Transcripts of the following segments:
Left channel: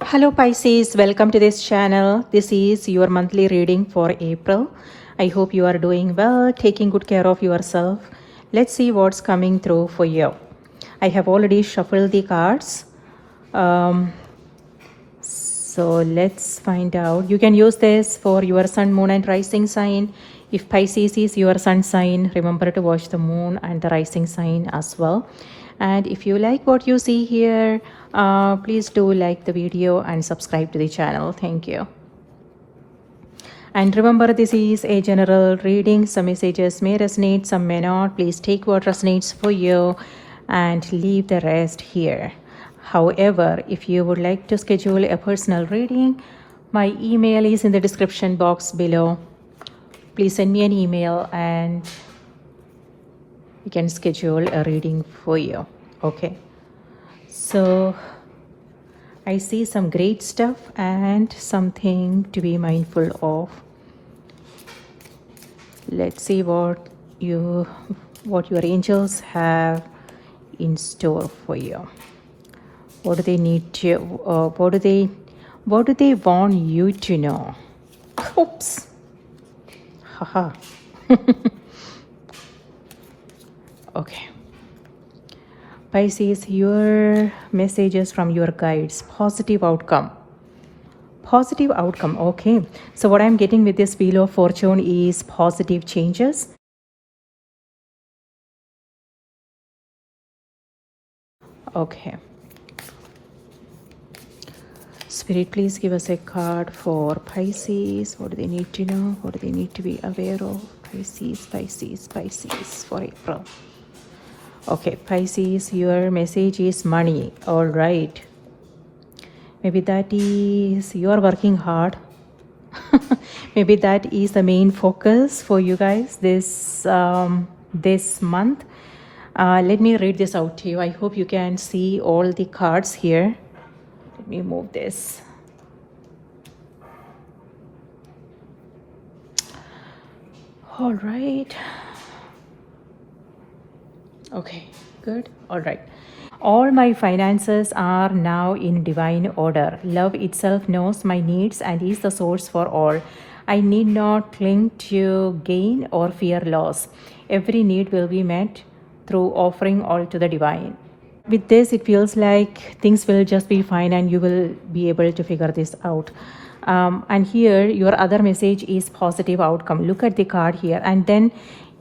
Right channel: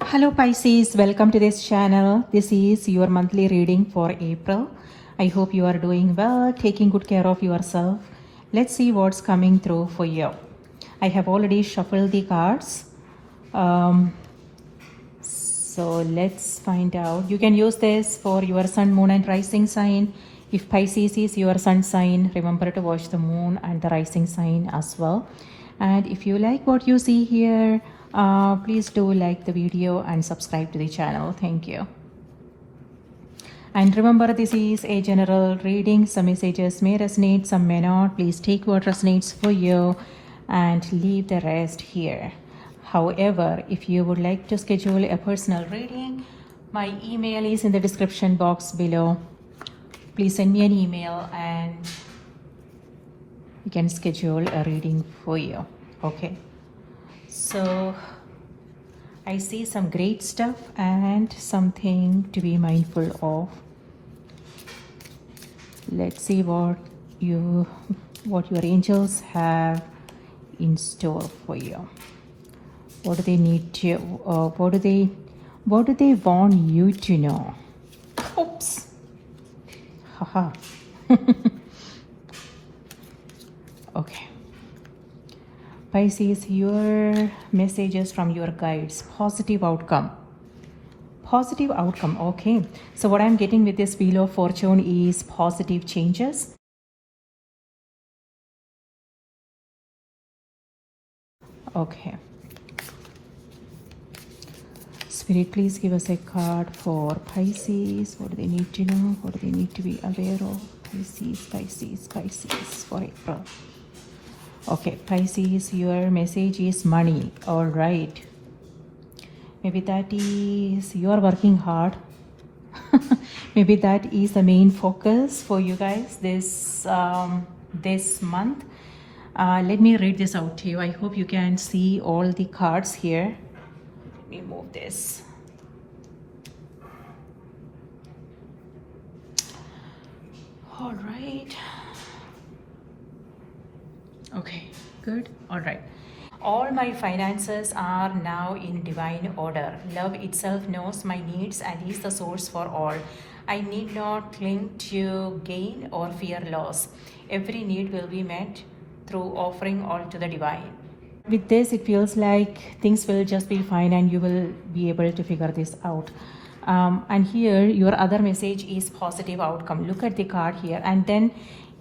Hello Pisces, welcome to this channel. This is your monthly reading for April. I hope you are doing well, taking good care of yourself. Let's see what's coming through for you. I have already shuffled the cards. So let's find out. You can use this for your sun, moon and rising sign. If Pisces is your sun sign, remember to watch the moon and the rising sign as well. And if you like what you see here, please do like the video and subscribe to the channel. Thank you. And remember, this is a general reading. Some messages may resonate, some may not. Please take what resonates for you and leave the rest here. However, if you would like to schedule a personal reading, my email is in the description box below. Please send me an email and we can schedule a reading for you. Okay. So I see some great stuff and something to be mindful of. Let's see what your angels have in store for you. What do they need to? What do they want you to know? Oops. Haha. Okay. Pisces, your messages from your guides. Positive outcome. Positive outcome. Okay. So what I'm getting with this Wheel of Fortune is positive changes. Okay. Spirit, please give us a card for Pisces. What do they need to know? What do they need to be aware of? Pisces for April. Okay, Pisces, your message is money. All right. Maybe that is you are working hard. Maybe that is the main focus for you guys this month. Let me read this out to you. I hope you can see all the cards here. Let me move this. All right. Okay, good. All right. All my finances are now in divine order. Love itself knows my needs and is the source for all. I need not cling to gain or fear loss. Every need will be met through offering all to the divine. With this, it feels like things will just be fine and you will be able to figure this out. And here, your other message is positive outcome. Look at the card here and then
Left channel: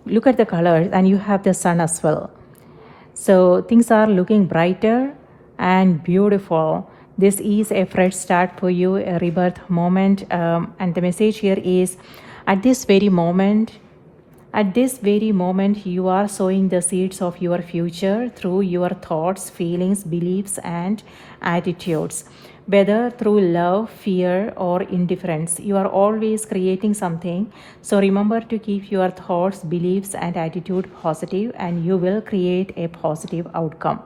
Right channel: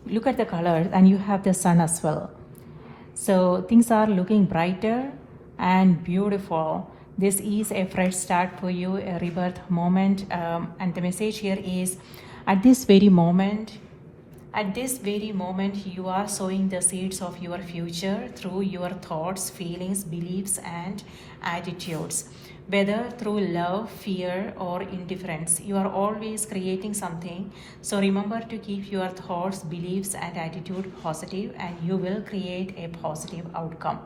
look at the colors, and you have the sun as well. So things are looking brighter and beautiful. This is a fresh start for you, a rebirth moment. And the message here is, at this very moment, you are sowing the seeds of your future through your thoughts, feelings, beliefs, and attitudes. Whether through love, fear, or indifference, you are always creating something. So remember to keep your thoughts, beliefs, and attitude positive, and you will create a positive outcome.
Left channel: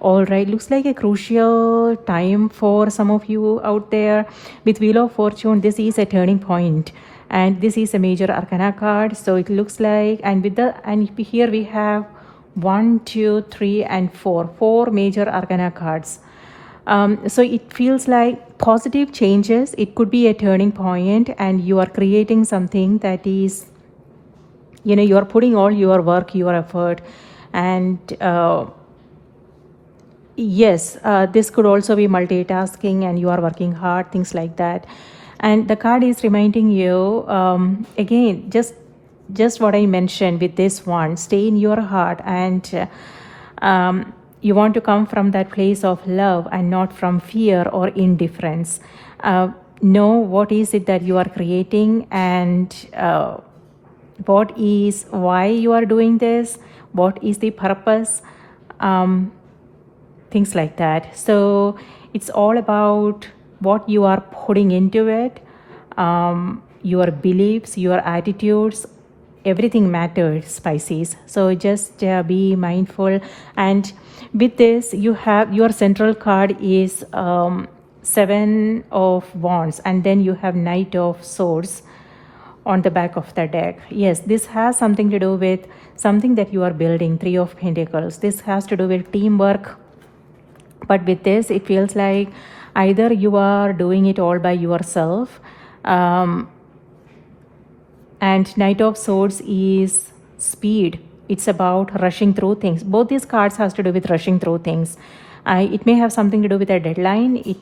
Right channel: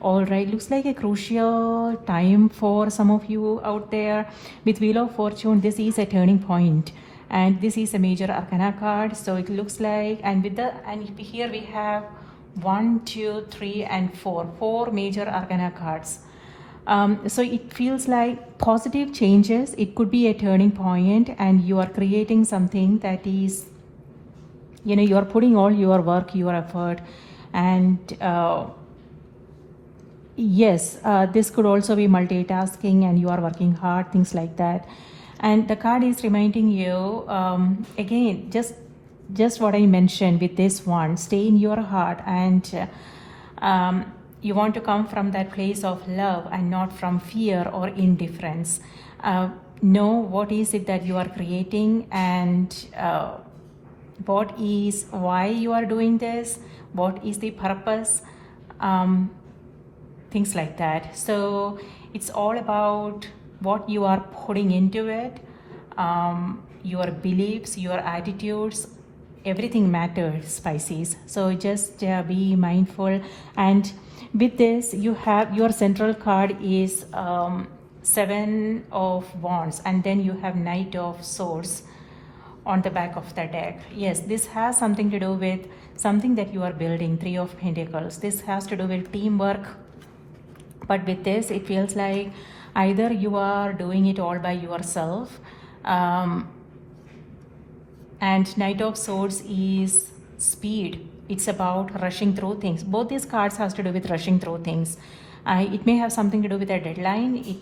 All right, looks like a crucial time for some of you out there. With Wheel of Fortune, this is a turning point. And this is a major arcana card. So it looks like, and here we have 1, 2, 3, and 4 major arcana cards. So it feels like positive changes. It could be a turning point, and you are creating something that is, you are putting all your work, your effort, and yes, this could also be multitasking, and you are working hard, things like that. And the card is reminding you, again, just what I mentioned with this one, stay in your heart, and you want to come from that place of love and not from fear or indifference. Know what is it that you are creating, and why you are doing this, what is the purpose, things like that. So it's all about what you are putting into it, your beliefs, your attitudes, everything matters, Pisces. So just be mindful. And with this, you have your central card is 7 of Wands, and then you have Knight of Swords on the back of the deck. Yes, this has something to do with something that you are building. 3 of Pentacles. This has to do with teamwork. But with this, it feels like Either you are doing it all by yourself, and Knight of Swords is speed. It's about rushing through things. Both these cards has to do with rushing through things. It may have something to do with a deadline. It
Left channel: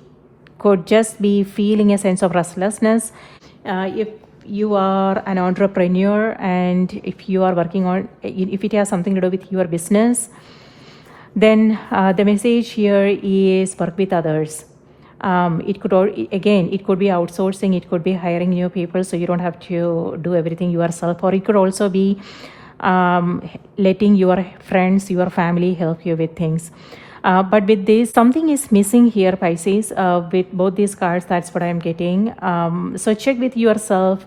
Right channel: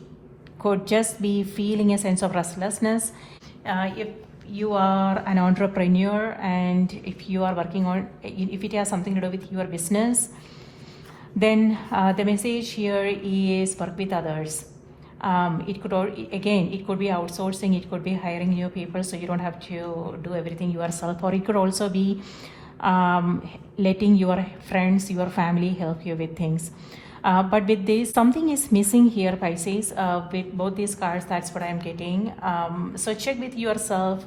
could just be feeling a sense of restlessness. If you are an entrepreneur and if you are working on, if it has something to do with your business, then the message here is work with others. It could, again, it could be outsourcing, it could be hiring new people so you don't have to do everything yourself, or it could also be letting your friends, your family help you with things. But with this, something is missing here, Pisces, with both these cards. That's what I'm getting. So check with yourself.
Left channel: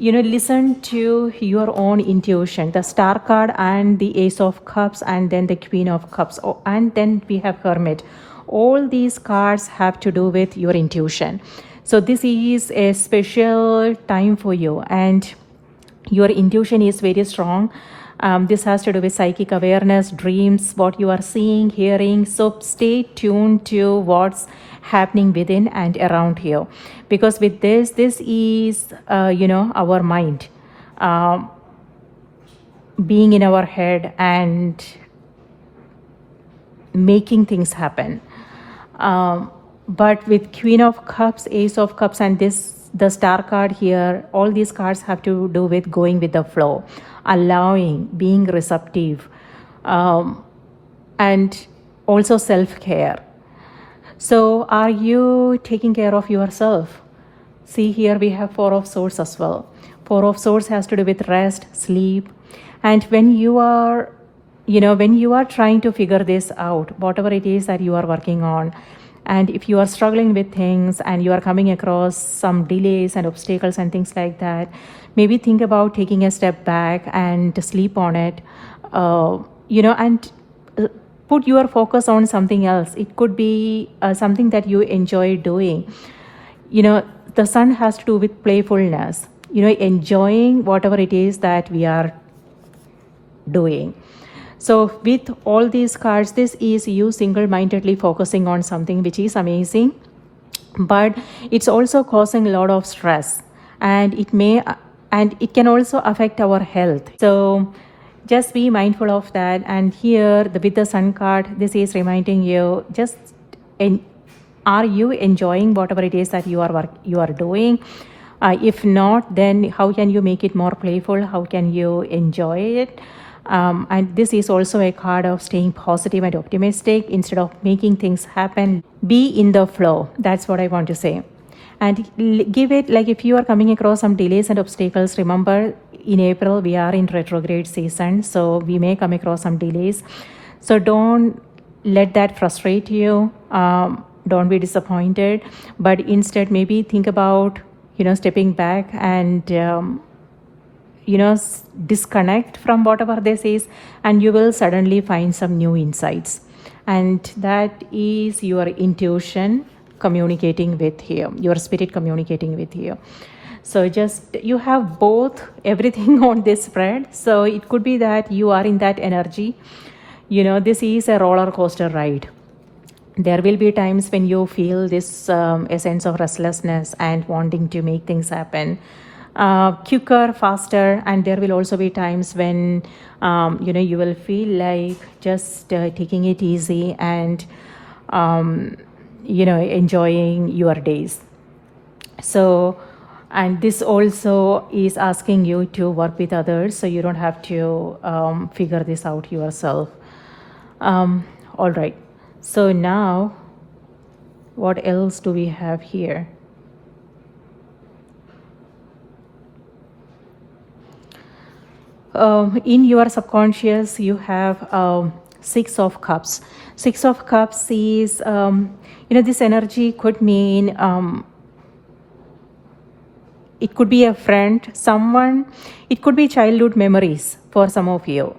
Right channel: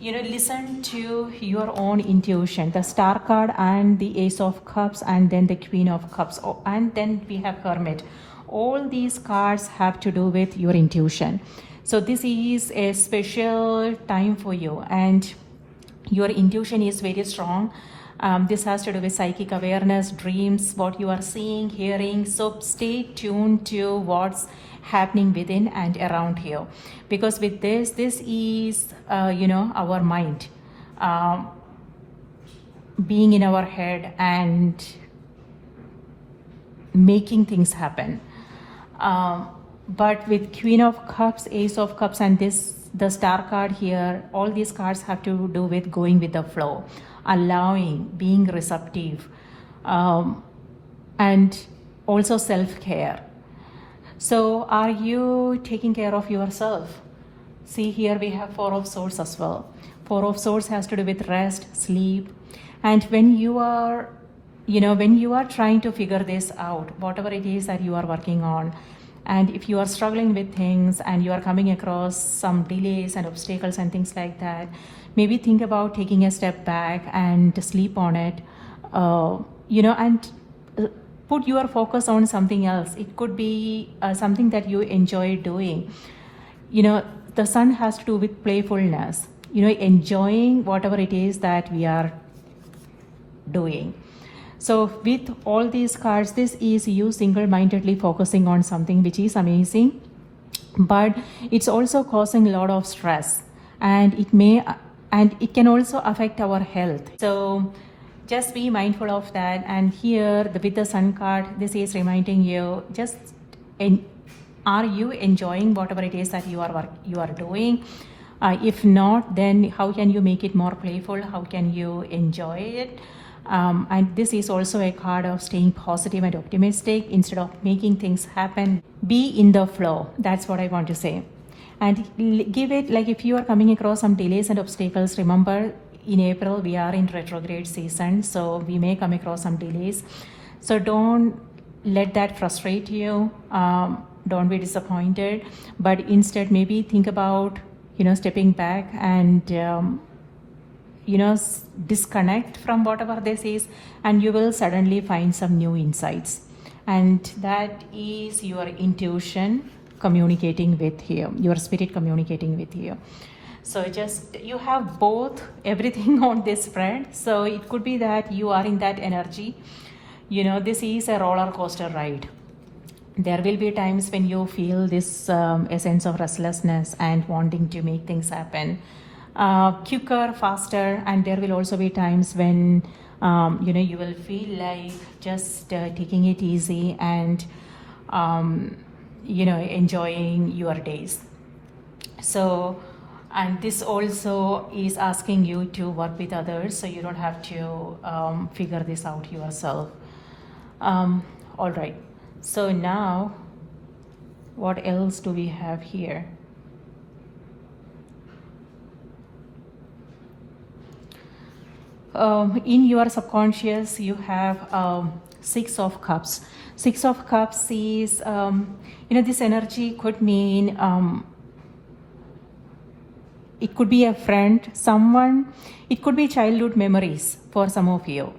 Listen to your own intuition. The Star card and the Ace of Cups and then the Queen of Cups. Oh, and then we have Hermit. All these cards have to do with your intuition. So this is a special time for you and your intuition is very strong. This has to do with psychic awareness, dreams, what you are seeing, hearing. So stay tuned to what's happening within and around here, because with this is our mind being in our head and making things happen. But with Queen of Cups, Ace of Cups, and the Star card here, all these cards have to do with going with the flow, allowing, being receptive, and also self-care. So are you taking care of yourself? See, here we have Four of Swords as well. Four of Swords has to do with rest, sleep. And when you are trying to figure this out, whatever it is that you are working on, and if you are struggling with things and you are coming across some delays and obstacles and things like that, maybe think about taking a step back and sleep on it, and put your focus on something else. It could be something that you enjoy doing. The Sun has to do with playfulness, enjoying whatever it is that we are doing. So with all these cards, this is you single-mindedly focusing on something which is amazing, but it's also causing a lot of stress, and it can also affect our health. So just be mindful of that. And here with the Sun card, this is reminding you, are you enjoying whatever it is that you are doing? If not, then how can you make it more playful? How can you enjoy it? And this is also a card of staying positive and optimistic instead of making things happen. Be in the flow. That's what I want to say. And give it, like, if you are coming across some delays and obstacles, remember in April we are in retrograde season, so we may come across some delays. So don't let that frustrate you. Don't be disappointed, but instead maybe think about stepping back and disconnect from whatever this is, and you will suddenly find some new insights. And that is your intuition communicating with you, your spirit communicating with you. So just, you have both, everything on this spread. So it could be that you are in that energy. This is a roller coaster ride. There will be times when you feel this a sense of restlessness and wanting to make things happen quicker, faster, and there will also be times when you will feel like just taking it easy and enjoying your days. So, and this also is asking you to work with others, so you don't have to figure this out yourself. All right, so now what else do we have here? In your subconscious, you have Six of Cups. Six of Cups is, this energy could mean, it could be a friend, someone, it could be childhood memories for some of you.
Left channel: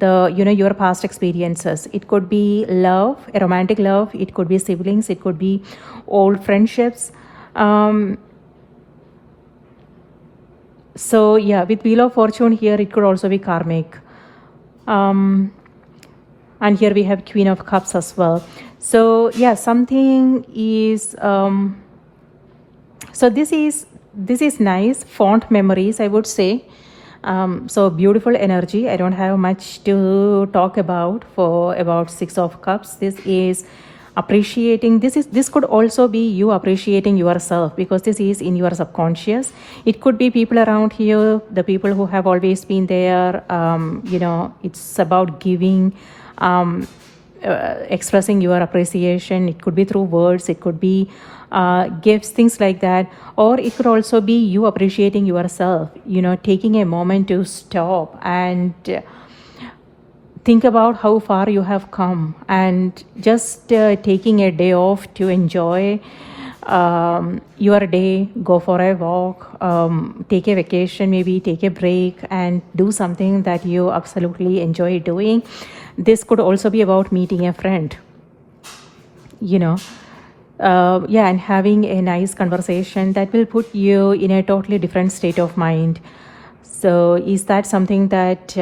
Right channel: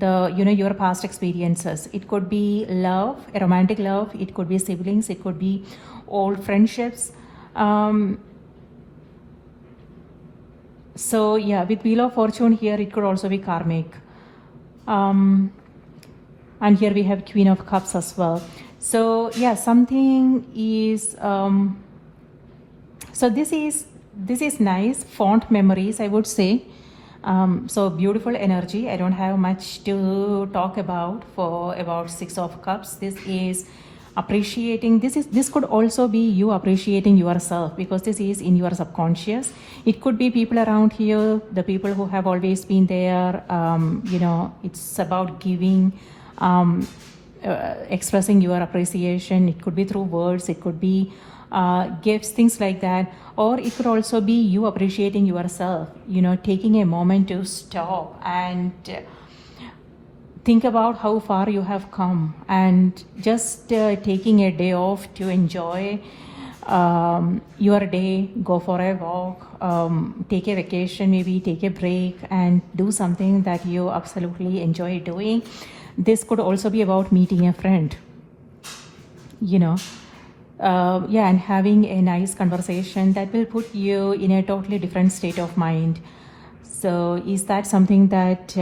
Your past experiences. It could be love, a romantic love. It could be siblings. It could be old friendships. So yeah, with Wheel of Fortune here, it could also be karmic. And here we have Queen of Cups as well. So yeah, something is so this is nice fond memories, I would say. So beautiful energy. I don't have much to talk about for about Six of Cups. This is appreciating. This could also be you appreciating yourself, because this is in your subconscious. It could be people around here, the people who have always been there. It's about giving. Expressing your appreciation. It could be through words, it could be gifts, things like that. Or it could also be you appreciating yourself, taking a moment to stop and think about how far you have come, and just taking a day off to enjoy your day, go for a walk, take a vacation, maybe take a break and do something that you absolutely enjoy doing. This could also be about meeting a friend, and having a nice conversation that will put you in a totally different state of mind. So is that something that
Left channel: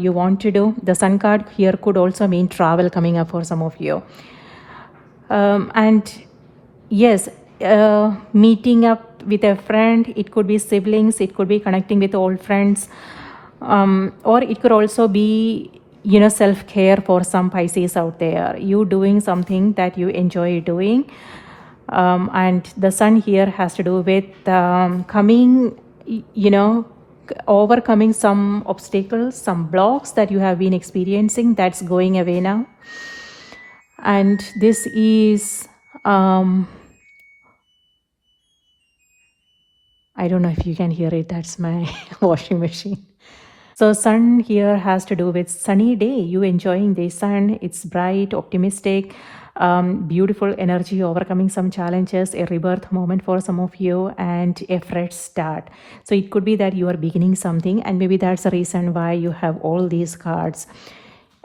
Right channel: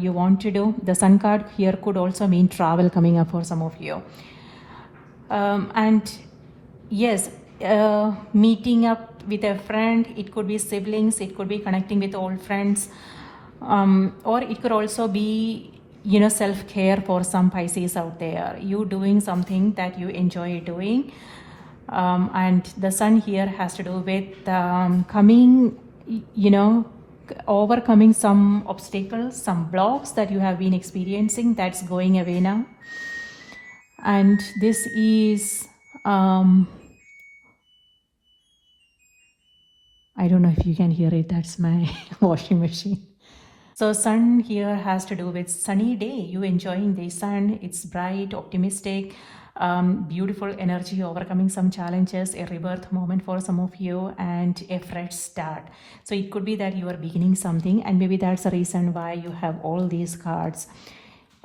you want to do? The Sun card here could also mean travel coming up for some of you. And yes, meeting up with a friend, it could be siblings, it could be connecting with old friends, or it could also be self-care for some Pisces out there, you doing something that you enjoy doing. And the Sun here has to do with overcoming some obstacles, some blocks that you have been experiencing, that's going away now. And this is I don't know if you can hear it, that's my washing machine. So Sun here has to do with sunny day, you enjoying the sun. It's bright, optimistic, beautiful energy, overcoming some challenges, a rebirth moment for some of you, and a fresh start. So it could be that you are beginning something, and maybe that's the reason why you have all these cards.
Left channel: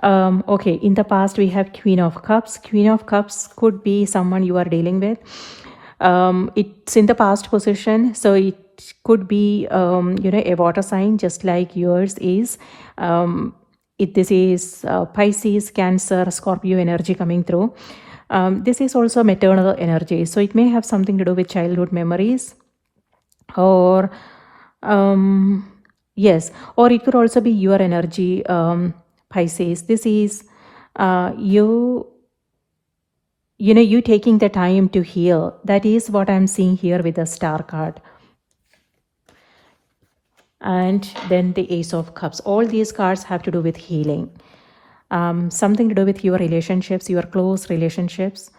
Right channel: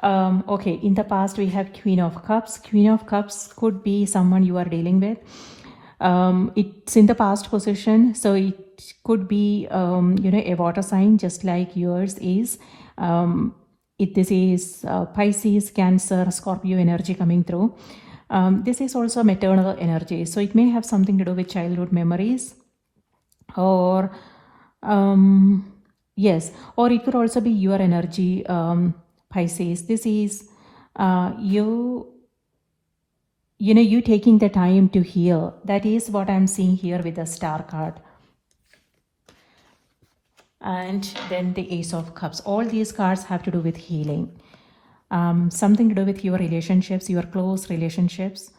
Okay, in the past we have Queen of Cups. Queen of Cups could be someone you are dealing with. It's in the past position, so it could be a water sign just like yours is. This is Pisces, Cancer, Scorpio energy coming through. This is also maternal energy, so it may have something to do with childhood memories, or yes, or it could also be your energy, Pisces. This is you taking the time to heal. That is what I'm seeing here with the Star card. And then the Ace of Cups. All these cards have to do with healing. Something to do with your relationships, your close relationships.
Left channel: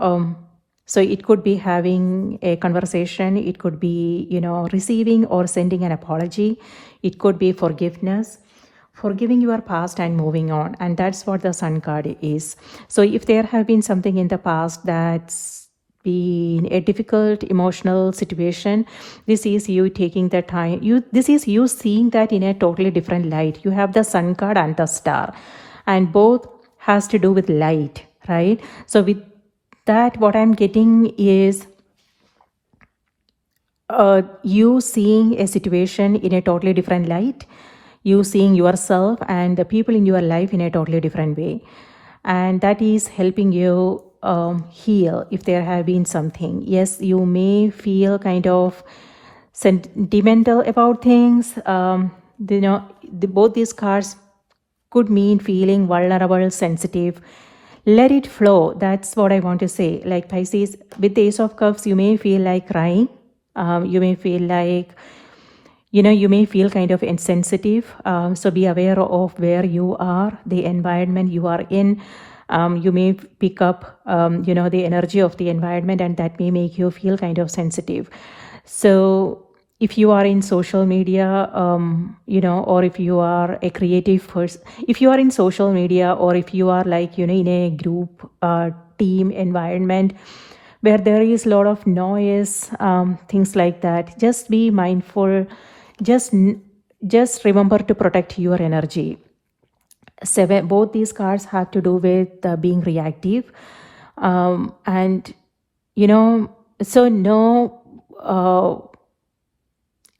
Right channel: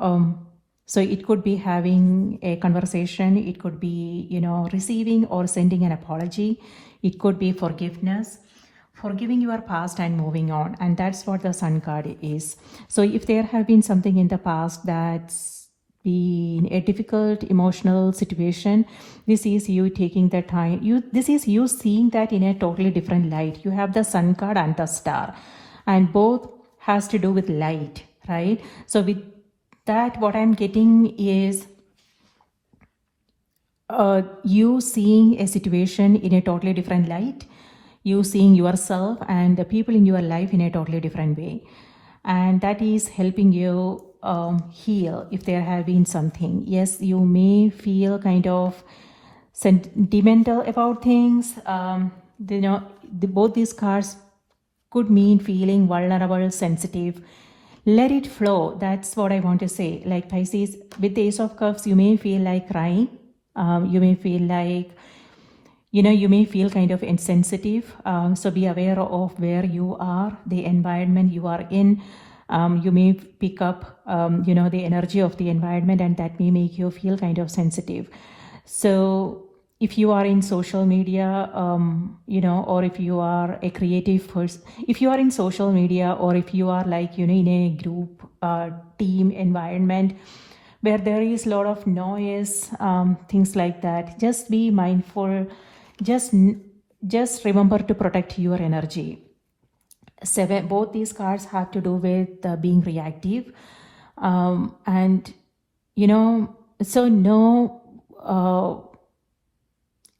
So it could be having a conversation. It could be, receiving or sending an apology. It could be forgiveness, forgiving your past and moving on. And that's what the Sun card is. So if there have been something in the past that's been a difficult emotional situation, this is you taking the time. This is you seeing that in a totally different light. You have the Sun card and the Star, and both has to do with light, right? So with that, what I'm getting is you seeing a situation in a totally different light, you seeing yourself and the people in your life in a totally different way, and that is helping you heal if there have been something. Yes, you may feel kind of sentimental about things. Both these cards could mean feeling vulnerable, sensitive. Let it flow. That's what I want to say. Like Pisces, with the Ace of Cups, you may feel like crying. You may feel like, you may feel kind of insensitive. So be aware of where you are, the environment you are in. You may pick up, the energy of the environment, and that may make you feel kind of sensitive. So if you are in social media, or if you are a creative person, if you are in social media, or if you are like, in a group, team environment where there is a lot of noise, things like that, just be mindful. Just remember to protect your energy. Both these cards have to do with being reactive, and so know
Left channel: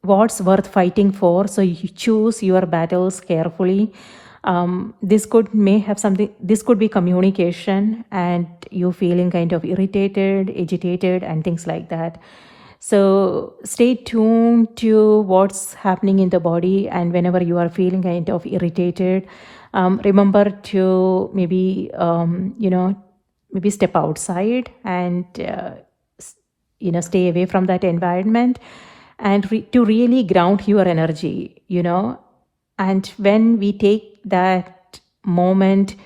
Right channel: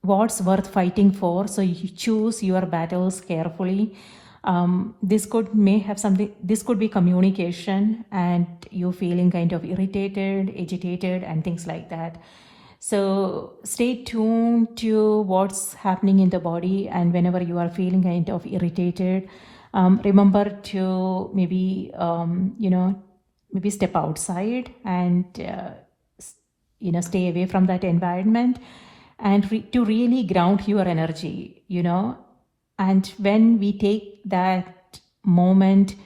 what's worth fighting for. So you choose your battles carefully. This could be communication and you feeling kind of irritated, agitated, and things like that. So stay tuned to what's happening in the body, and whenever you are feeling kind of irritated, remember to maybe maybe step outside and stay away from that environment, and to really ground your energy. And when we take that moment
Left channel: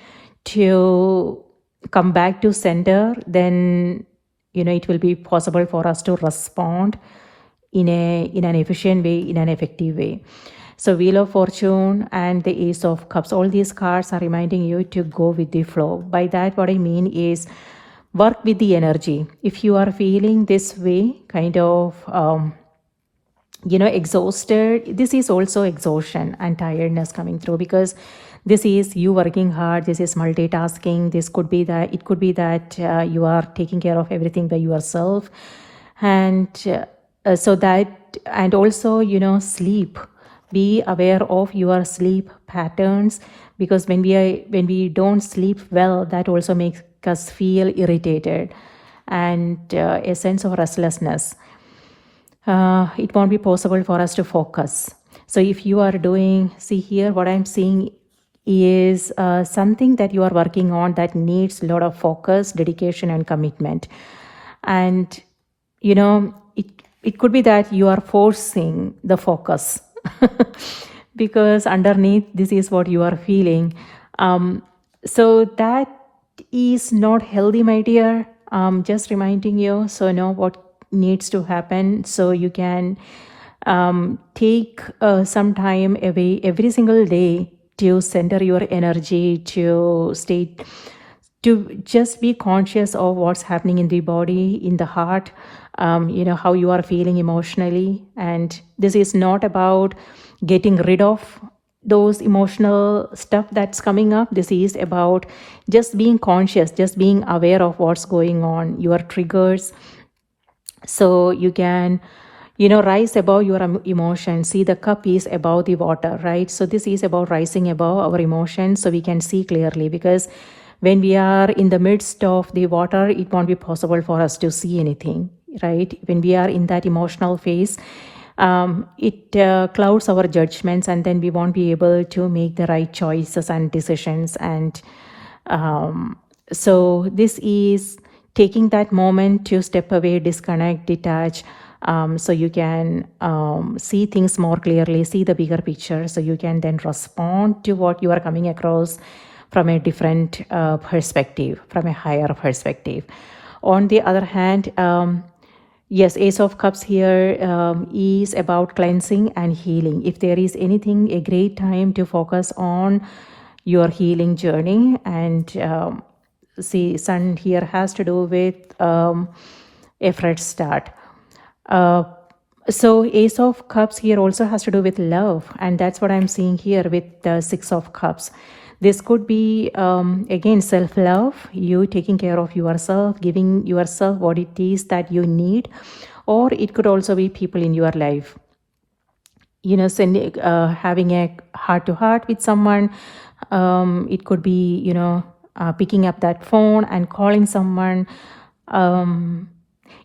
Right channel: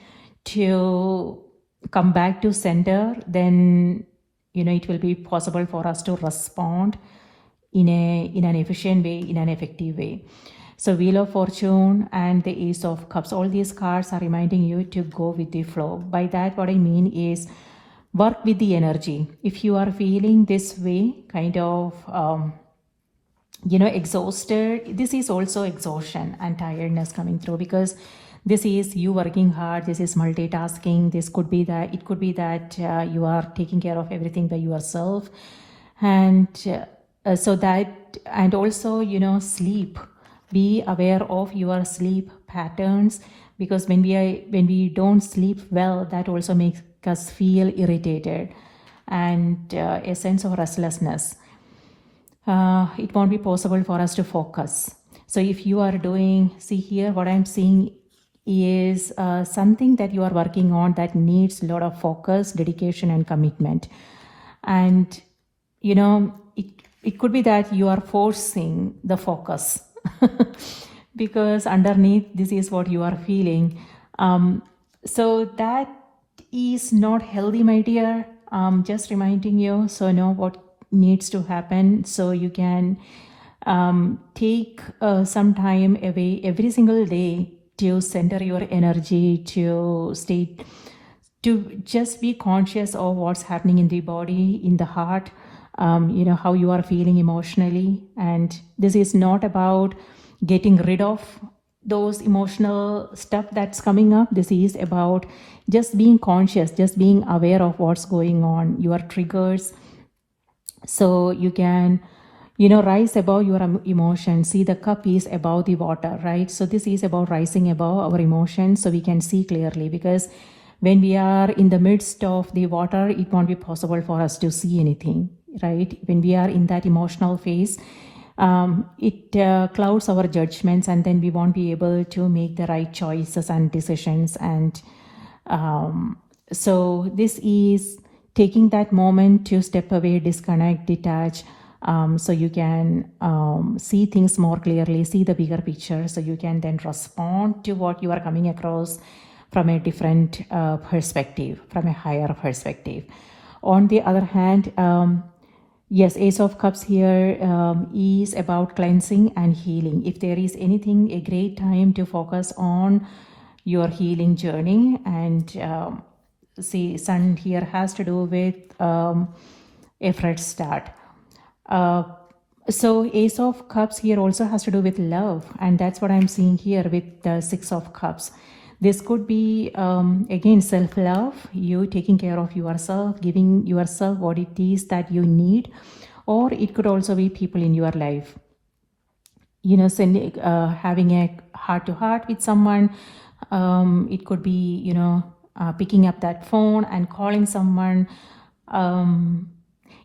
to come back to center, then it will be possible for us to respond in an efficient way, in an effective way. So Wheel of Fortune and the Ace of Cups, all these cards are reminding you to go with the flow. By that, what I mean is work with the energy. If you are feeling this way, kind of exhausted, this is also exhaustion and tiredness coming through, because this is you working hard, this is multitasking, it could be that you are taking care of everything by yourself, and also sleep. Be aware of your sleep patterns, because when we don't sleep well, that also makes us feel irritated and a sense of restlessness. It won't be possible for us to focus. So if you are see here, what I'm seeing is something that you are working on that needs a lot of focus, dedication, and commitment. And it could be that you are forcing the focus because underneath this is what you are feeling. So that is not healthy, my dear. Just reminding you, so know what needs to happen, so you can take some time away every single day to center your energy, to just be conscious of what's happening in the body, in the heart, how you are feeling emotionally. And this is not about getting rid of those emotional stuff that's coming up. This is about just being conscious, just being aware of what's going on, your triggers, so you can rise above your emotions. See, the cup is above the water, right? So this is about rising above our emotions, so we can see clearly, because when we are in the midst of the water, it won't be possible for us to see anything, right? When we are in that emotional phase, it clouds our judgments, and then we won't be able to make the right choices and decisions. And so this is taking that moment to step away, disconnect, detach, so you can see things more clearly, see the bigger picture, so you can then respond to what you are coming across from a different perspective, from a higher perspective. On the other hand, yes, Ace of Cups here is about cleansing and healing. If there is anything, a great time to focus on your healing journey. And see, Sun here has to do with a fresh start. So Ace of Cups here also has to do with love, and that's what I'm seeing here with the Six of Cups. This could be, again, self-love, you taking care of yourself, giving yourself what it is that you need, or it could also be people in your life. Having a heart-to-heart with someone. It could be, picking up that phone and calling someone.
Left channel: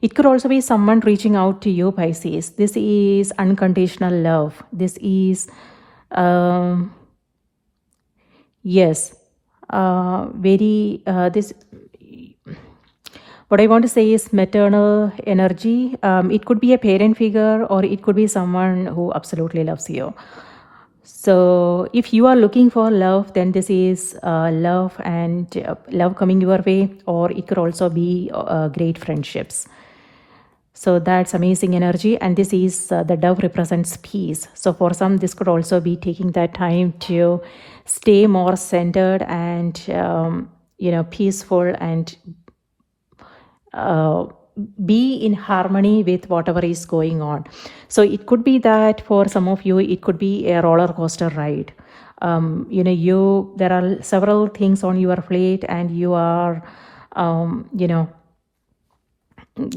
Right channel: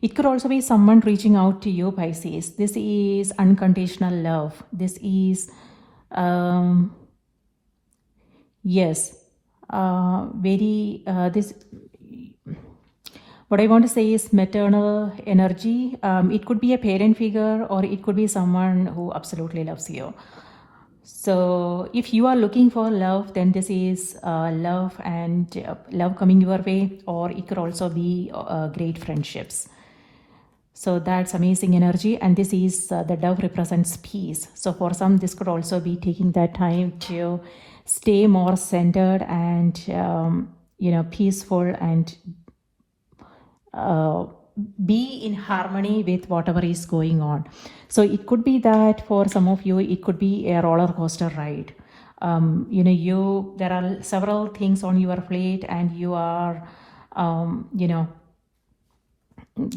It could also be someone reaching out to you, Pisces. This is unconditional love. This is, yes, what I want to say is maternal energy. It could be a parent figure, or it could be someone who absolutely loves you. So if you are looking for love, then this is love, and love coming your way, or it could also be great friendships. So that's amazing energy. And this is the dove represents peace. So for some, this could also be taking that time to stay more centered and peaceful, and be in harmony with whatever is going on. So it could be that for some of you, it could be a roller coaster ride. There are several things on your plate, and you are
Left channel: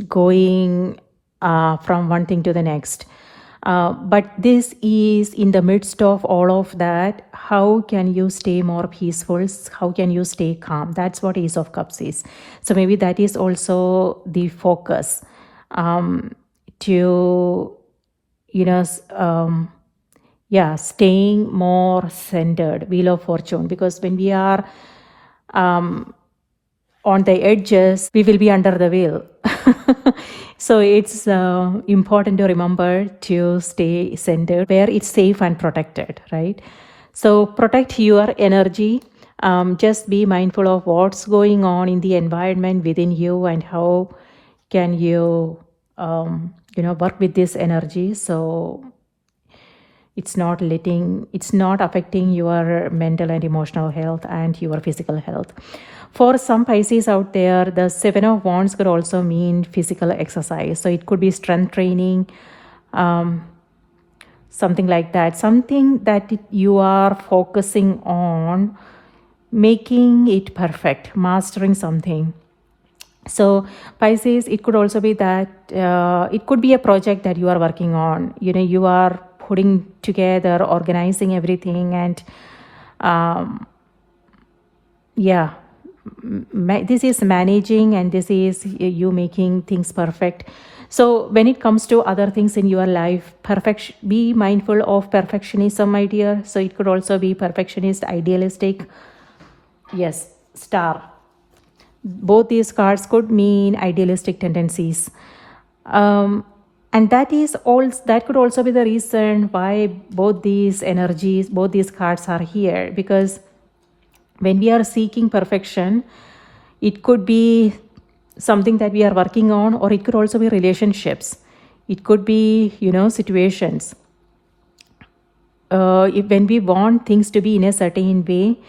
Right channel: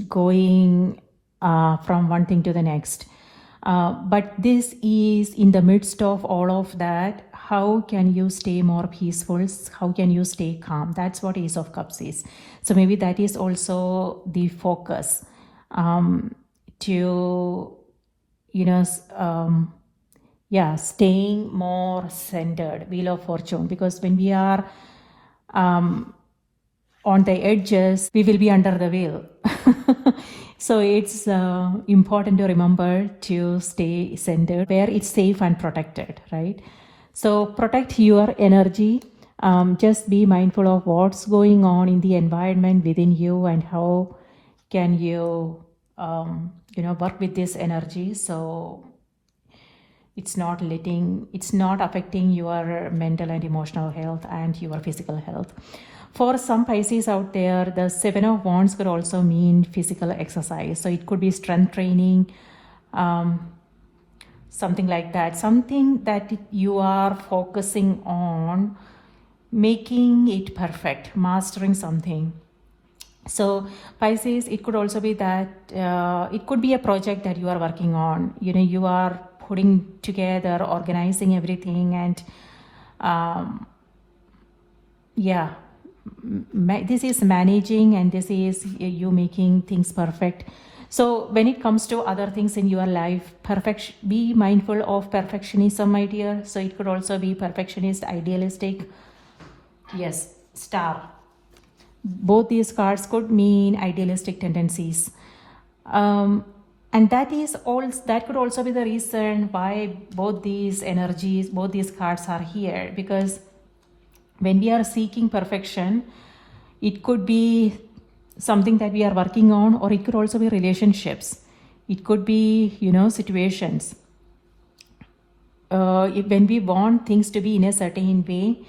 going from one thing to the next. But this is in the midst of all of that. how can you stay more peaceful, how can you stay calm. That's what Ace of Cups is. So maybe that is also the focus, to staying more centered. Wheel of Fortune, because when we are on the edges, we will be under the wheel. So it's important to remember to stay centered where it's safe and protected, right? So protect your energy. Just be mindful of what's going on in the environment within you and how can you work with this energy, so it's not affecting your mental and emotional health and your physical health. For some Pisces out there, the Seven of Wands could also mean physical exercise. So it could be strength training, something like that. Something that you are focusing on, making it perfect, mastering something. So Pisces, it could also be that it could be a project that you are working on. You are putting together, organizing everything, and this is managing, and this is you making things perfect. So when it comes to other things in your life, be mindful of perfectionism, my dear. So it could also be perfectionist, idealistic. Yes, Star. Both these cards could mean idealistic tendencies. And that could also be the reason why both these cards are here, because when we are seeking perfection, it could be something that we are working on, or it could also be relationships. It could be, situations. When we want things to be in a certain way,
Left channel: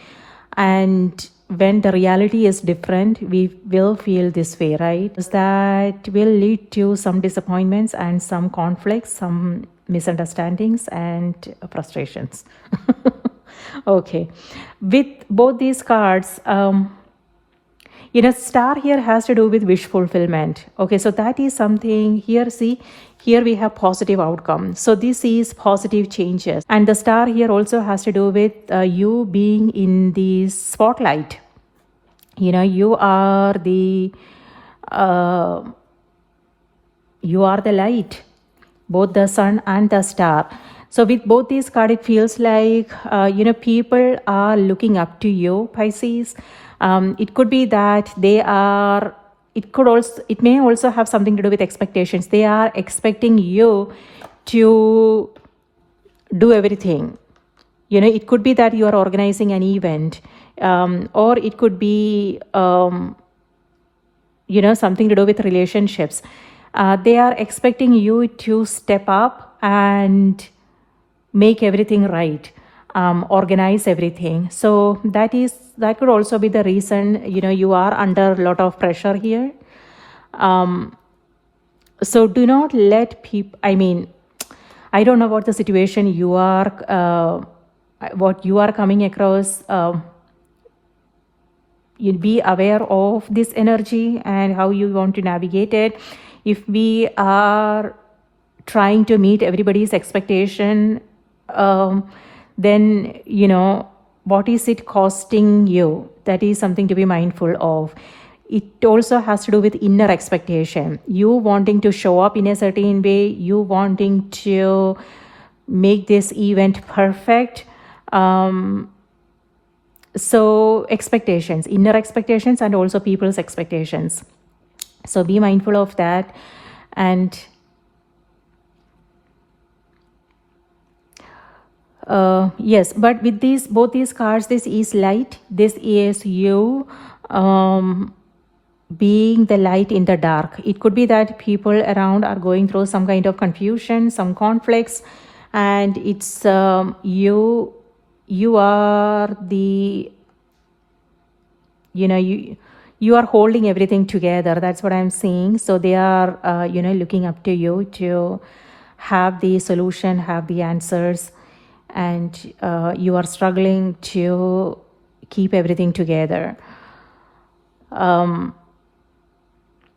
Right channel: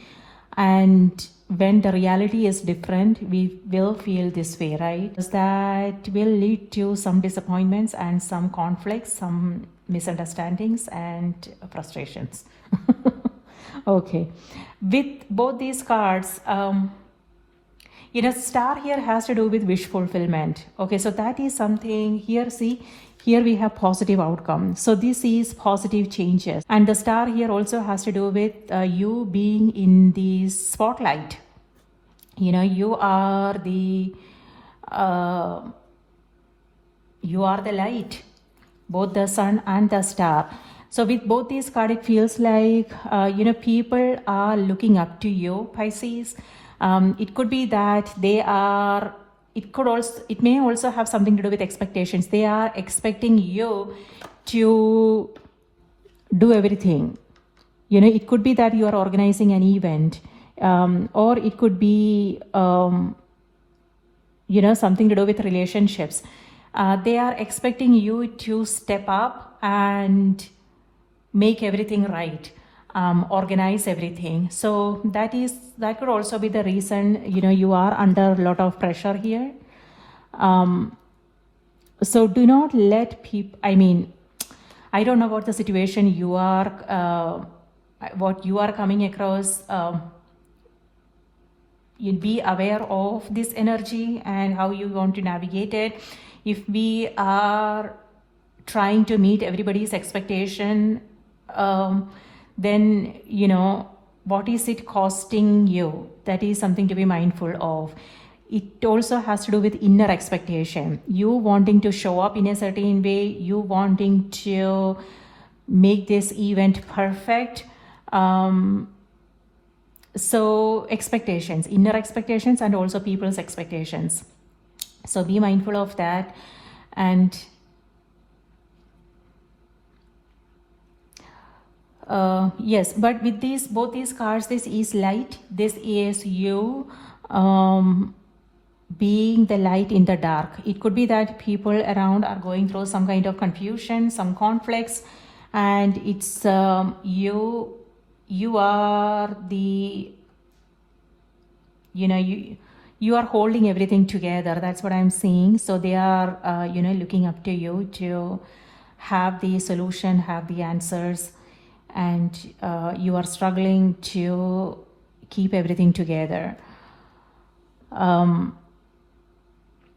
and when the reality is different, we will feel this way, right? That will lead to some disappointments and some conflicts, some misunderstandings and frustrations. Okay. With both these cards, Star here has to do with wish fulfillment. Okay, so that is something here. See, here we have positive outcome. So this is positive changes. And the Star here also has to do with you being in the spotlight. You are the light, both the sun and the star. So with both these cards, it feels like, people are looking up to you, Pisces. It could be that it may also have something to do with expectations. They are expecting you to do everything. It could be that you are organizing an event, or it could be, something to do with relationships. They are expecting you to step up and make everything right, organize everything. So that could also be the reason, you are under a lot of pressure here. So do not let people, I don't know what the situation you are, what you are coming across. You'll be aware of this energy and how you want to navigate it. If we are trying to meet everybody's expectation, then, what is it costing you? That is something to be mindful of. It also has to do with inner expectation. You wanting to show up in a certain way, you wanting to make this event perfect. So expectations, inner expectations, and also people's expectations. So be mindful of that. And yes, but with both these cards, this is light. This is you being the light in the dark. It could be that people around are going through some kind of confusion, some conflicts, and it's you are the, you are holding everything together. That's what I'm seeing. So they are, looking up to you to have the solution, have the answers, and you are struggling to keep everything together.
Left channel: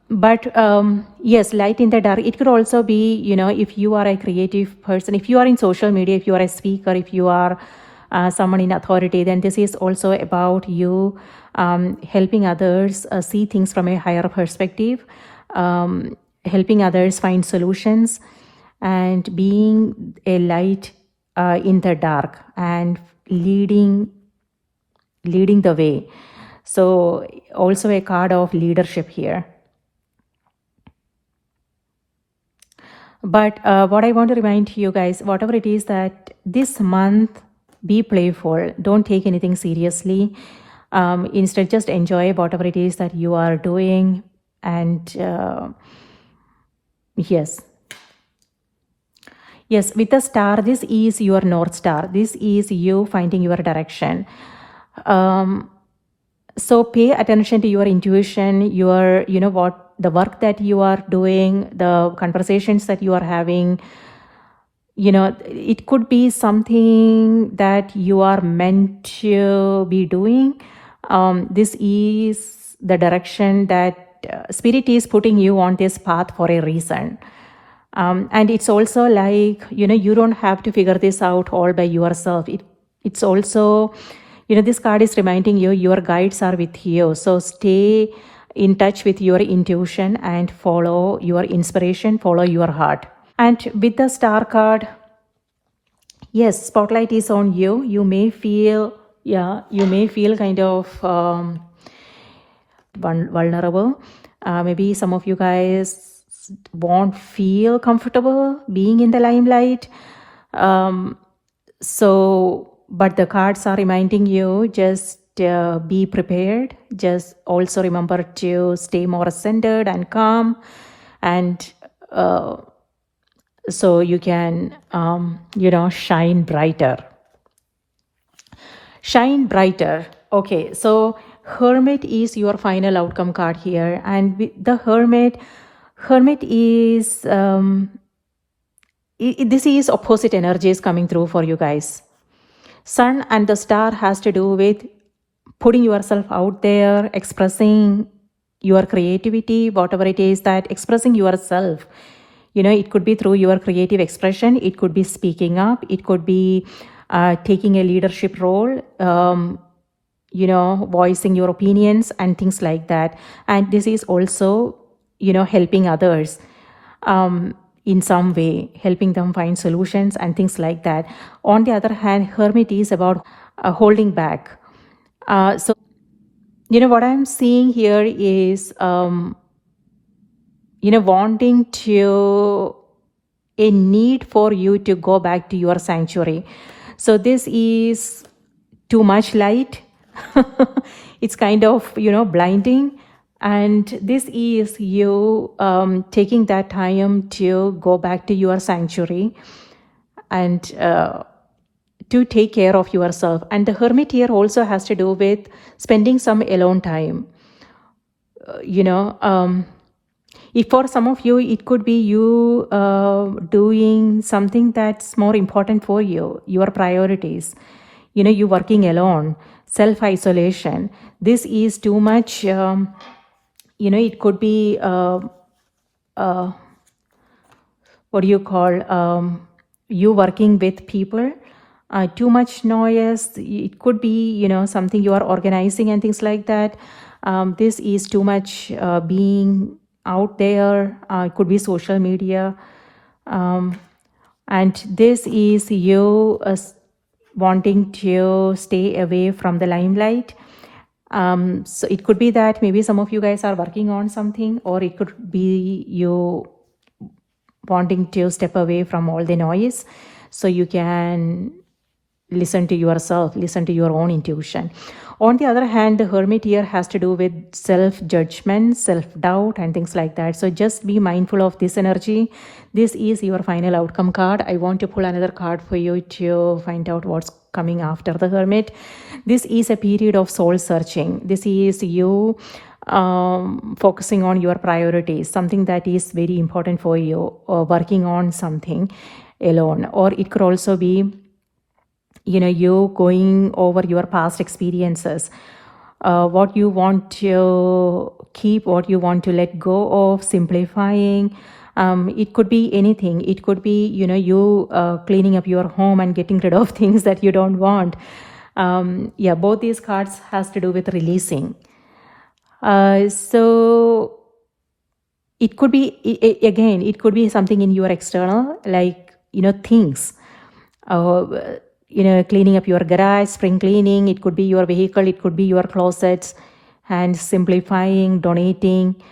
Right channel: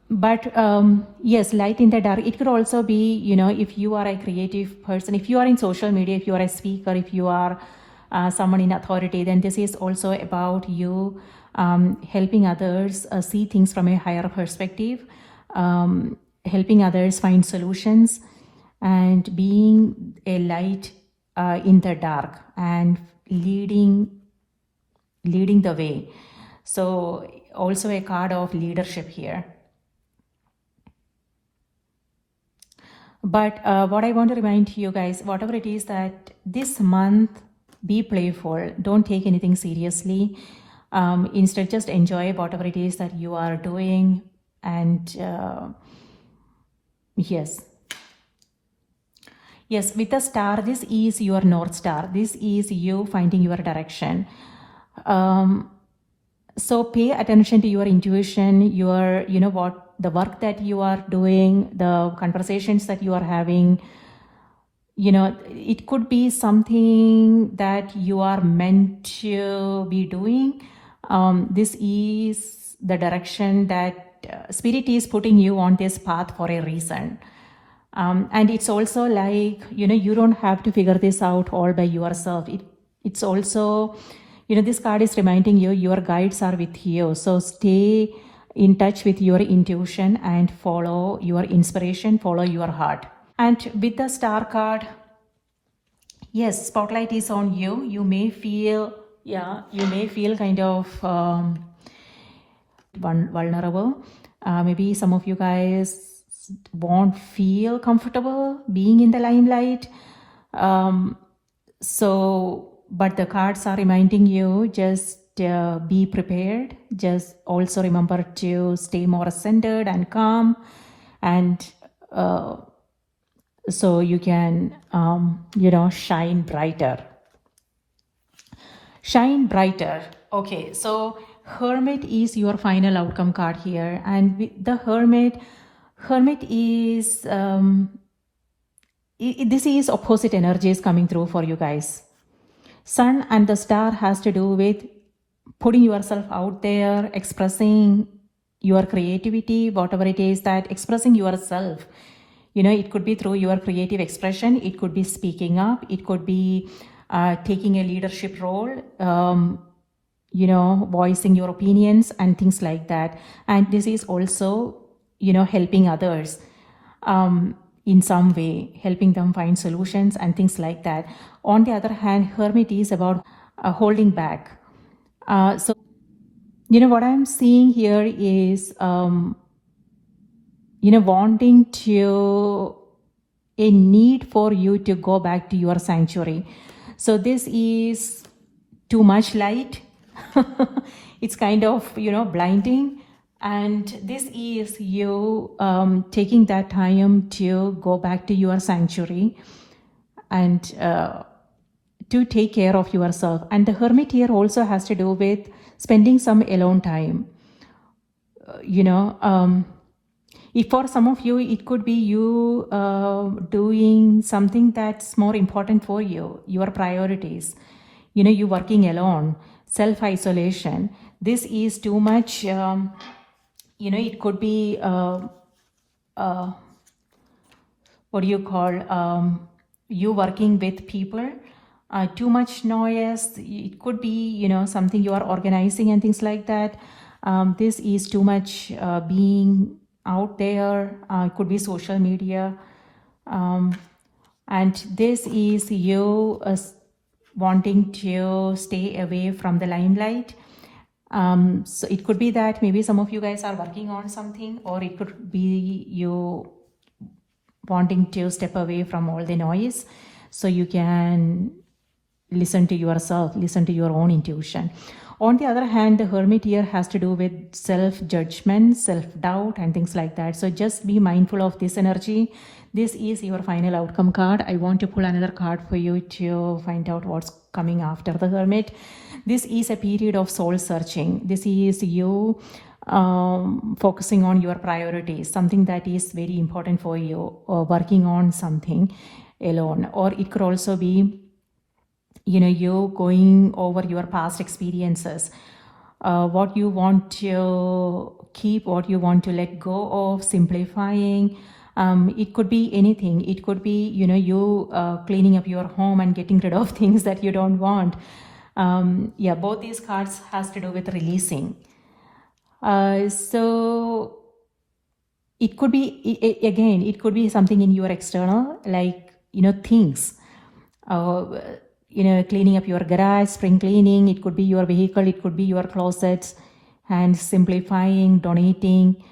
But yes, light in the dark. It could also be, if you are a creative person, if you are in social media, if you are a speaker, if you are someone in authority, then this is also about you helping others see things from a higher perspective, helping others find solutions, and being a light in the dark and leading the way. So also a card of leadership here. But what I want to remind you guys, whatever it is, that this month, be playful. Don't take anything seriously. Instead, just enjoy whatever it is that you are doing. And yes, with the star, this is your North Star. This is you finding your direction. So pay attention to your intuition, your, the work that you are doing, the conversations that you are having. It could be something that you are meant to be doing. This is the direction that Spirit is putting you on this path for a reason. And it's also like, you don't have to figure this out all by yourself. It's also, this card is reminding you your guides are with you. So stay in touch with your intuition and follow your inspiration, follow your heart. And with the star card, yes, spotlight is on you. You may feel kind of vulnerable. Maybe some of you guys won't feel comfortable being in the limelight. But the cards are reminding you, just be prepared. Just also remember to stay more centered and calm, and so you can, shine brighter. Shine brighter. Okay, so Hermit is your final outcome card here. And with the Hermit is, this is opposite energies coming through for you guys. Sun and the star has to do with putting yourself out there, expressing your creativity, whatever it is, that expressing yourself. It could be through your creative expression. It could be speaking up. It could be taking a leadership role, voicing your opinions and things like that. And this is also, helping others in some way, helping them find solutions and things like that. On the other hand, Hermit is about holding back. So, what I'm seeing here is, wanting to, a need for you to go back to your sanctuary. So this is too much light. It's kind of, blinding. And this is you taking that time to go back to your sanctuary and to take care of yourself. And the Hermit here also has to do with spending some alone time. If for some of you, it could be you doing something that's more important for you, your priorities. You working alone, self-isolation. This is too much. It could be, what do you call, you working with people, too much noise. It could be, something you are organizing and things like that. This is too much being out there. It could be social media. And this is you wanting to stay away from the limelight. So it could be that maybe some of you guys are working on something, or it could be you wanting to step away from all the noise so you can listen to yourself, listen to your own intuition. On the other hand, the Hermit here has to do with self-judgment, self-doubt and things like that. So just be mindful of this energy. This is your final outcome card. I want to pull another card for you to find out what's coming after the Hermit. This is a period of soul searching. This is you focusing on your priorities, something that is very important for you, or working on something alone. Or it could also be, you going over your past experiences, what you want to keep, what you want to let go of, simplifying, It could be anything. It could be, you cleaning up your home and getting rid of things that you don't want. Yeah, both these cards has to do with releasing. So it could be, again, it could be something in your external, like, things. Cleaning up your garage, spring cleaning. It could be your vehicle. It could be your closets, and simplifying, donating,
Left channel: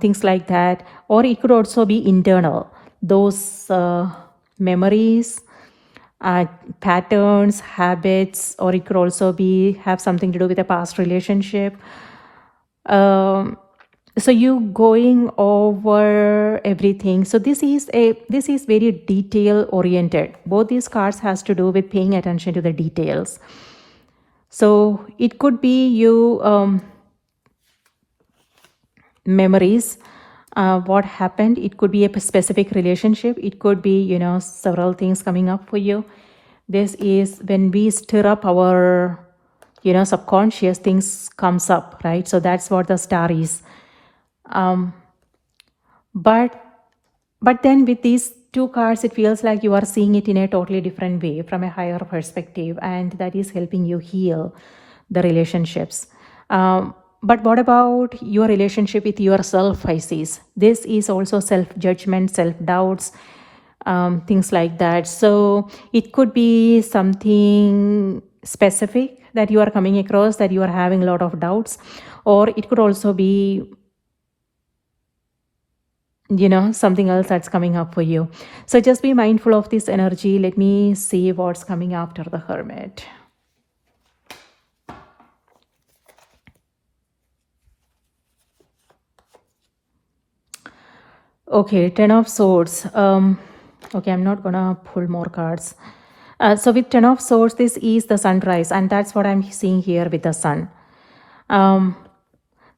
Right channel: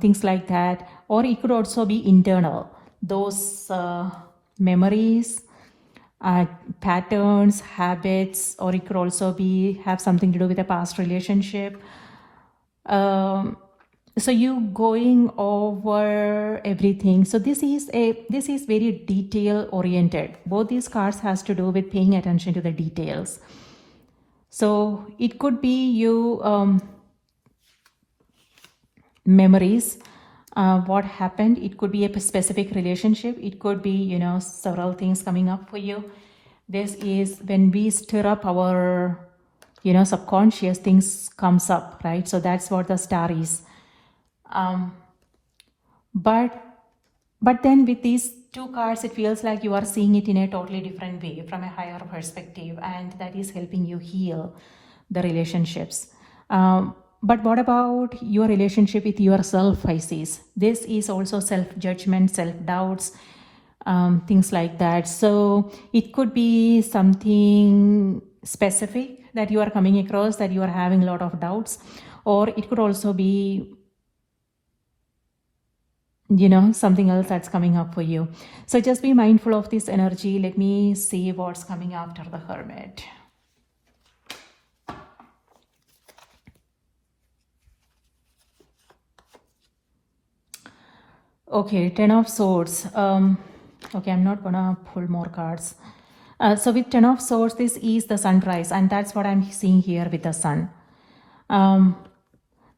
things like that. Or it could also be internal. Those memories, patterns, habits, or it could also have something to do with a past relationship. So you going over everything. So this is very detail oriented. Both these cards has to do with paying attention to the details. So it could be you memories, what happened. It could be a specific relationship. It could be, several things coming up for you. This is when we stir up our, subconscious, things comes up, right? So that's what the star is. But then with these two cards, it feels like you are seeing it in a totally different way, from a higher perspective, and that is helping you heal the relationships. But what about your relationship with yourself, Pisces? This is also self-judgment, self-doubts, things like that. So it could be something specific that you are coming across, that you are having a lot of doubts, or it could also be, something else that's coming up for you. So just be mindful of this energy. Let me see what's coming after the Hermit. Okay, Ten of Swords. Okay, I'm not gonna pull more cards. So with Ten of Swords, this is the sunrise, and that's what I'm seeing here with the sun.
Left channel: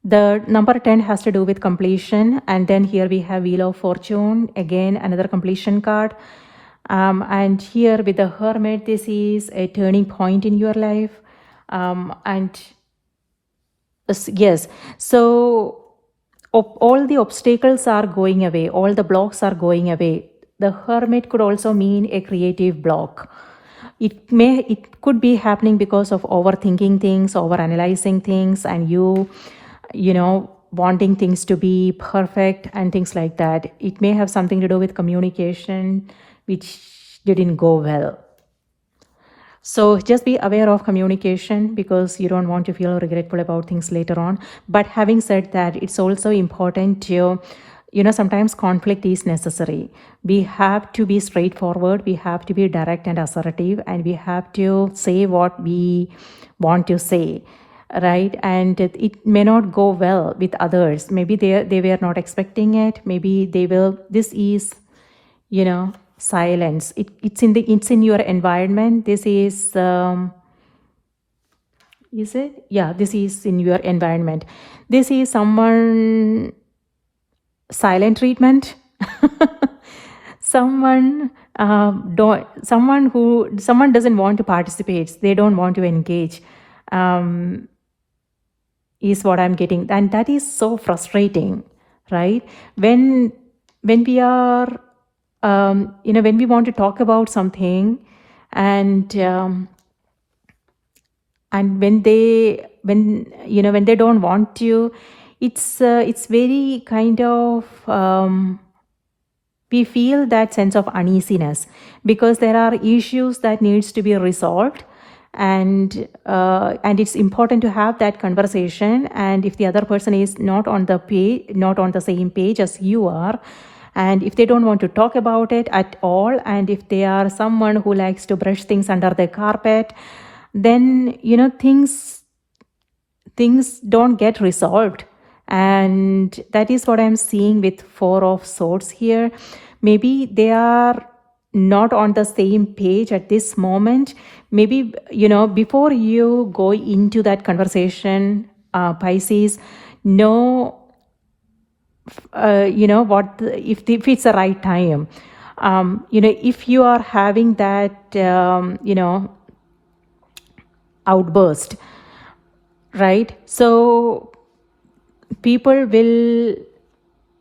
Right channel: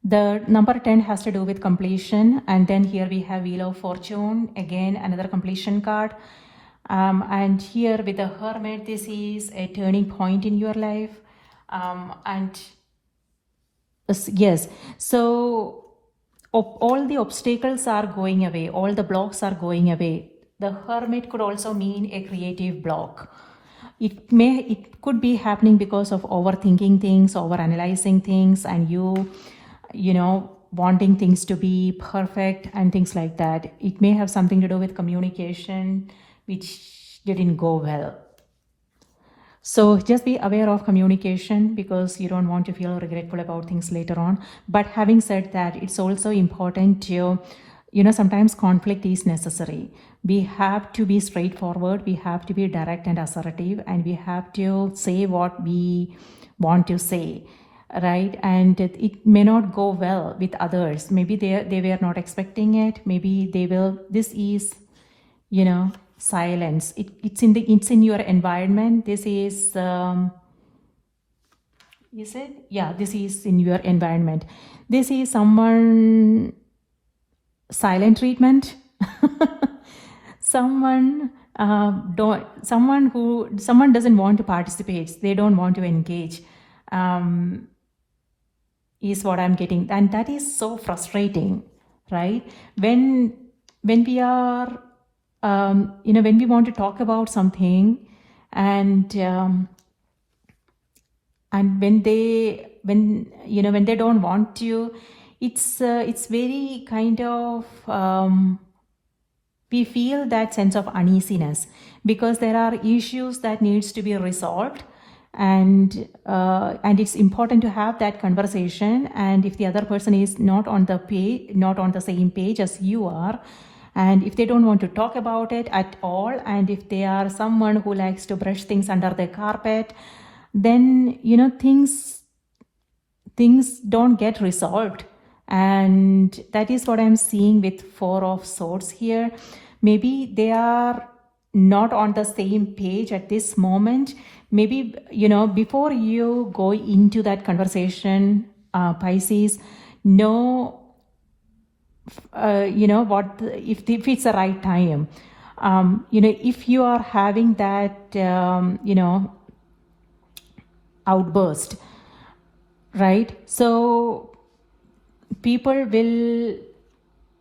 The number 10 has to do with completion, and then here we have Wheel of Fortune, again another completion card. And here with the Hermit, this is a turning point in your life. And yes, so all the obstacles are going away, all the blocks are going away. The Hermit could also mean a creative block. It could be happening because of overthinking things, overanalyzing things, and you wanting things to be perfect and things like that. It may have something to do with communication, which didn't go well. So just be aware of communication, because you don't want to feel regretful about things later on. But having said that, it's also important to, sometimes conflict is necessary. We have to be straightforward. We have to be direct and assertive, and we have to say what we want to say, right? And it may not go well with others. Maybe they were not expecting it. Maybe they will. This is, silence. It's in your environment. This is it? Yeah, this is in your environment. This is someone silent treatment. Someone doesn't want to participate. They don't want to engage. Is what I'm getting, and that is so frustrating, right? When we are, when we want to talk about something, and when they don't want to, it's very kind of, we feel that sense of uneasiness, because there are issues that needs to be resolved. And it's important to have that conversation. And if the other person is not on the same page as you are, and if they don't want to talk about it at all, and if they are someone who likes to brush things under the carpet, then things don't get resolved. And that is what I'm seeing with Four of Swords here. Maybe they are not on the same page at this moment. Maybe, before you go into that conversation, Pisces, know, if it's the right time. If you are having that, outburst, right? So people will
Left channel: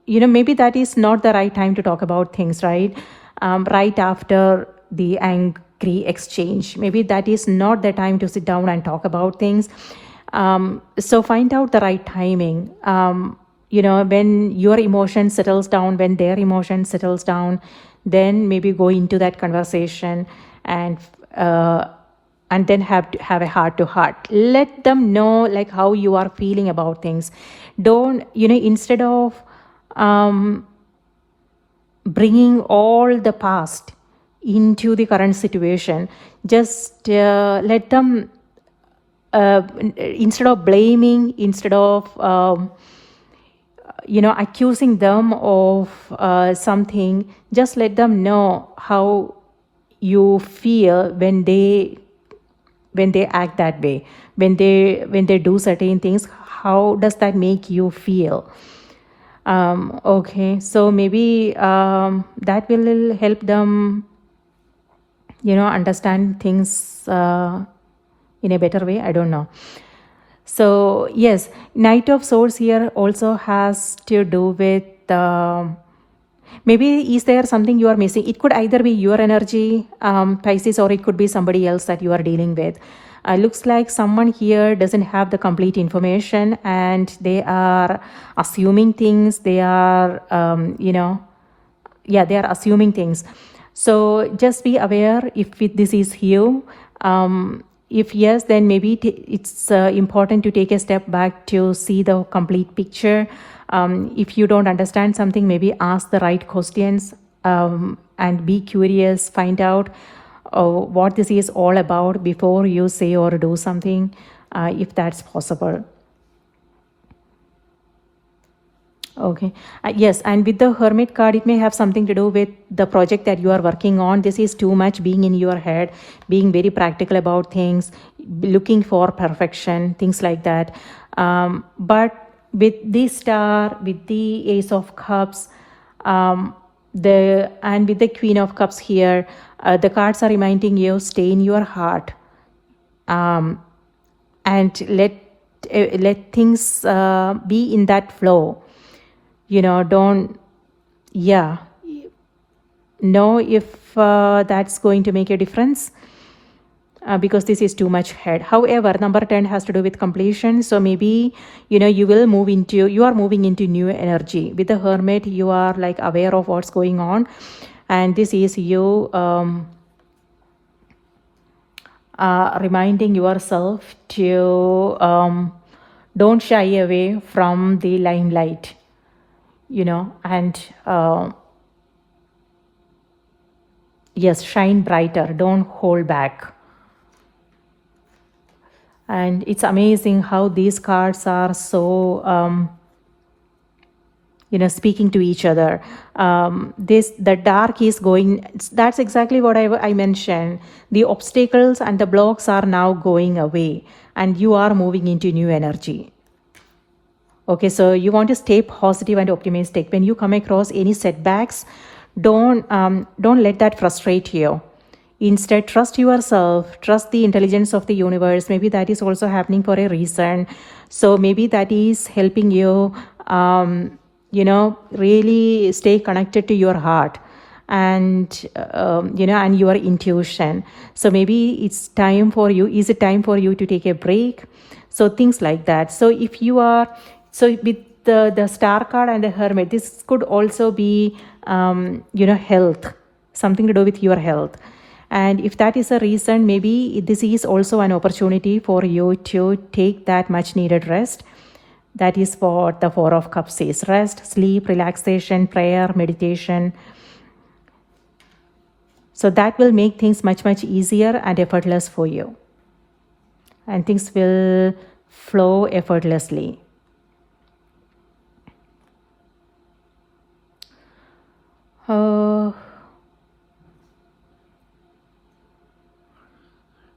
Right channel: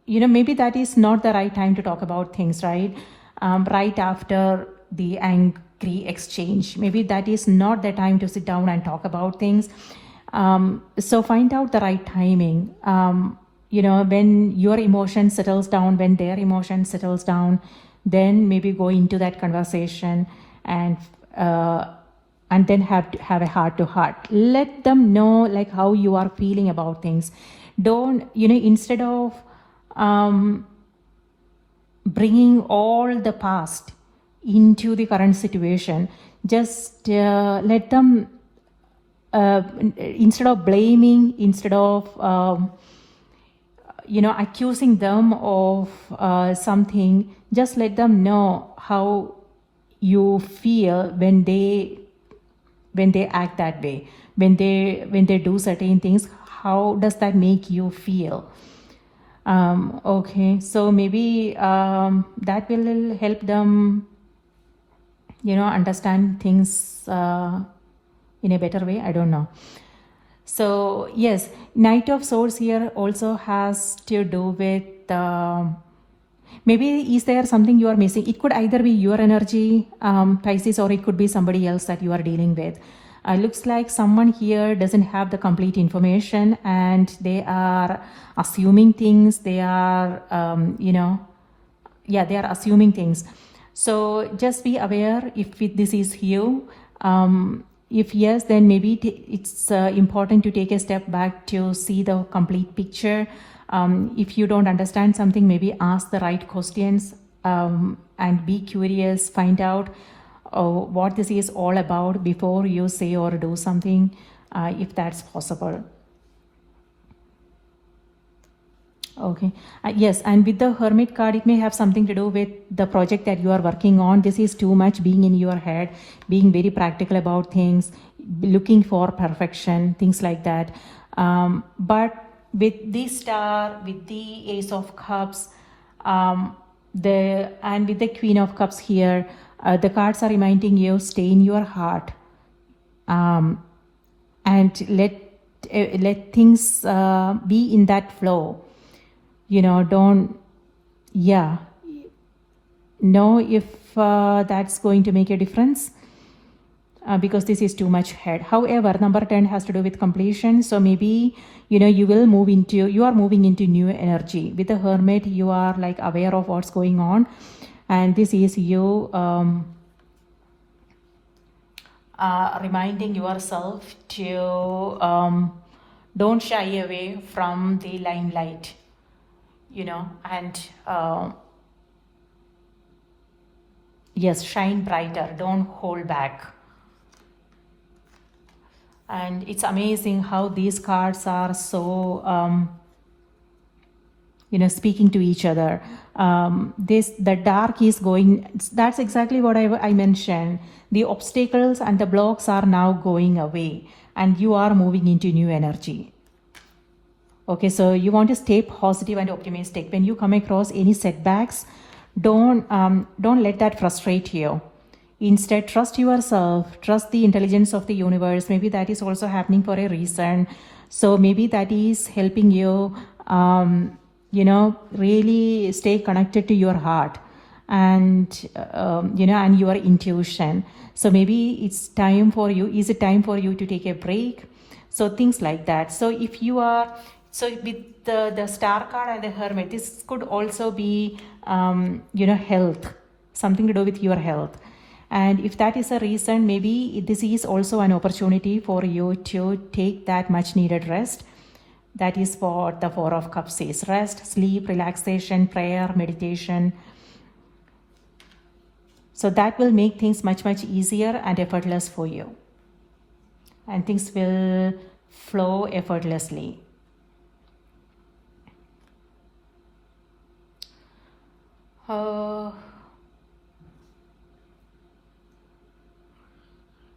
maybe that is not the right time to talk about things, right? Right after the angry exchange, maybe that is not the time to sit down and talk about things. So find out the right timing. When your emotion settles down, when their emotion settles down, then maybe go into that conversation and then have a heart to heart. Let them know like how you are feeling about things. Don't, instead of bringing all the past into the current situation, just let them, instead of blaming, instead of accusing them of something, just let them know how you feel when they act that way, when they do certain things. How does that make you feel? Okay, so maybe that will help them understand things in a better way. I don't know. So yes, Knight of Swords here also has to do with maybe is there something you are missing? It could either be your energy, Pisces, or it could be somebody else that you are dealing with. Looks like someone here doesn't have the complete information and they are assuming things. They are, they are assuming things. So just be aware if this is you. If yes, then maybe it's important to take a step back to see the complete picture. If you don't understand something, maybe ask the right questions and be curious, find out what this is all about before you say or do something, if that's possible. Okay. Yes, and with the Hermit card, it may have something to do with the project that you are working on. This is too much being in your head, being very practical about things, looking for perfection, things like that. But with the Star, with the Ace of Cups, and with the Queen of Cups here, the cards are reminding you, stay in your heart, and let things be in that flow. Don't know if that's going to make a difference, because this is too much head. However, number 10 has to do with completion. So maybe you are moving into new energy. With the Hermit, you are like aware of what's going on, and this is you reminding yourself to don't shy away from the limelight, and yes, shine brighter, don't hold back. And it's amazing how these cards are so speaking to each other. The dark is going, that's exactly what I mentioned. The obstacles and the blocks are now going away and you are moving into new energy. Okay, so you want to stay positive and optimistic. When you come across any setbacks, don't let that frustrate you. Instead, trust yourself, trust the intelligence of the universe. Maybe that is also happening for a reason. So maybe that is helping you, really stay connected to your heart and, and your intuition. So maybe it's time for you. Is it time for you to take a break? So things like that. So if you are, so with the Star card and the Hermit, this could also be, health, something to do with your health. And if that is a reason, maybe this is also an opportunity for you to take that much needed rest. That is what the Four of Cups says. Rest, sleep, relaxation, prayer, meditation. So that will make things much, much easier and effortless for you. And things will flow effortlessly.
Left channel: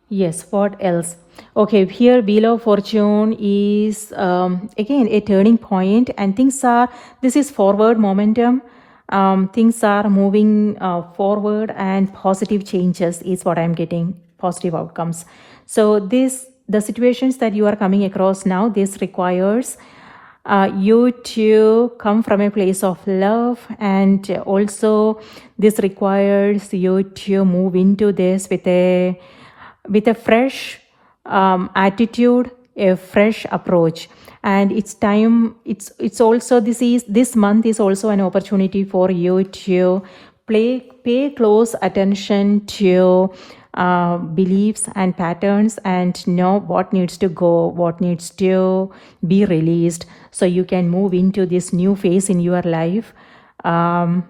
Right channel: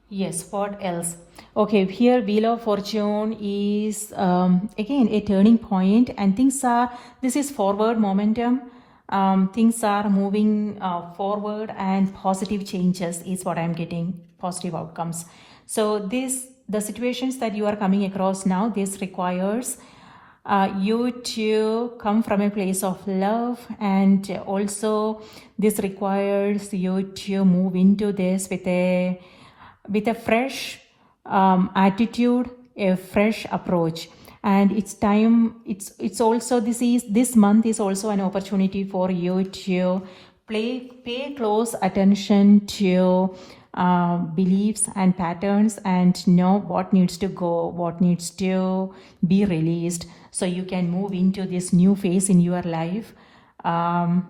Yes, what else? Okay, here Wheel of Fortune is again a turning point, and this is forward momentum. Things are moving forward and positive changes is what I'm getting, positive outcomes. So the situations that you are coming across now, this requires you to come from a place of love, and also this requires you to move into this with a fresh attitude, a fresh approach. And it's time, it's also, this month is also an opportunity for you to pay close attention to beliefs and patterns, and know what needs to go, what needs to be released, so you can move into this new phase in your life, and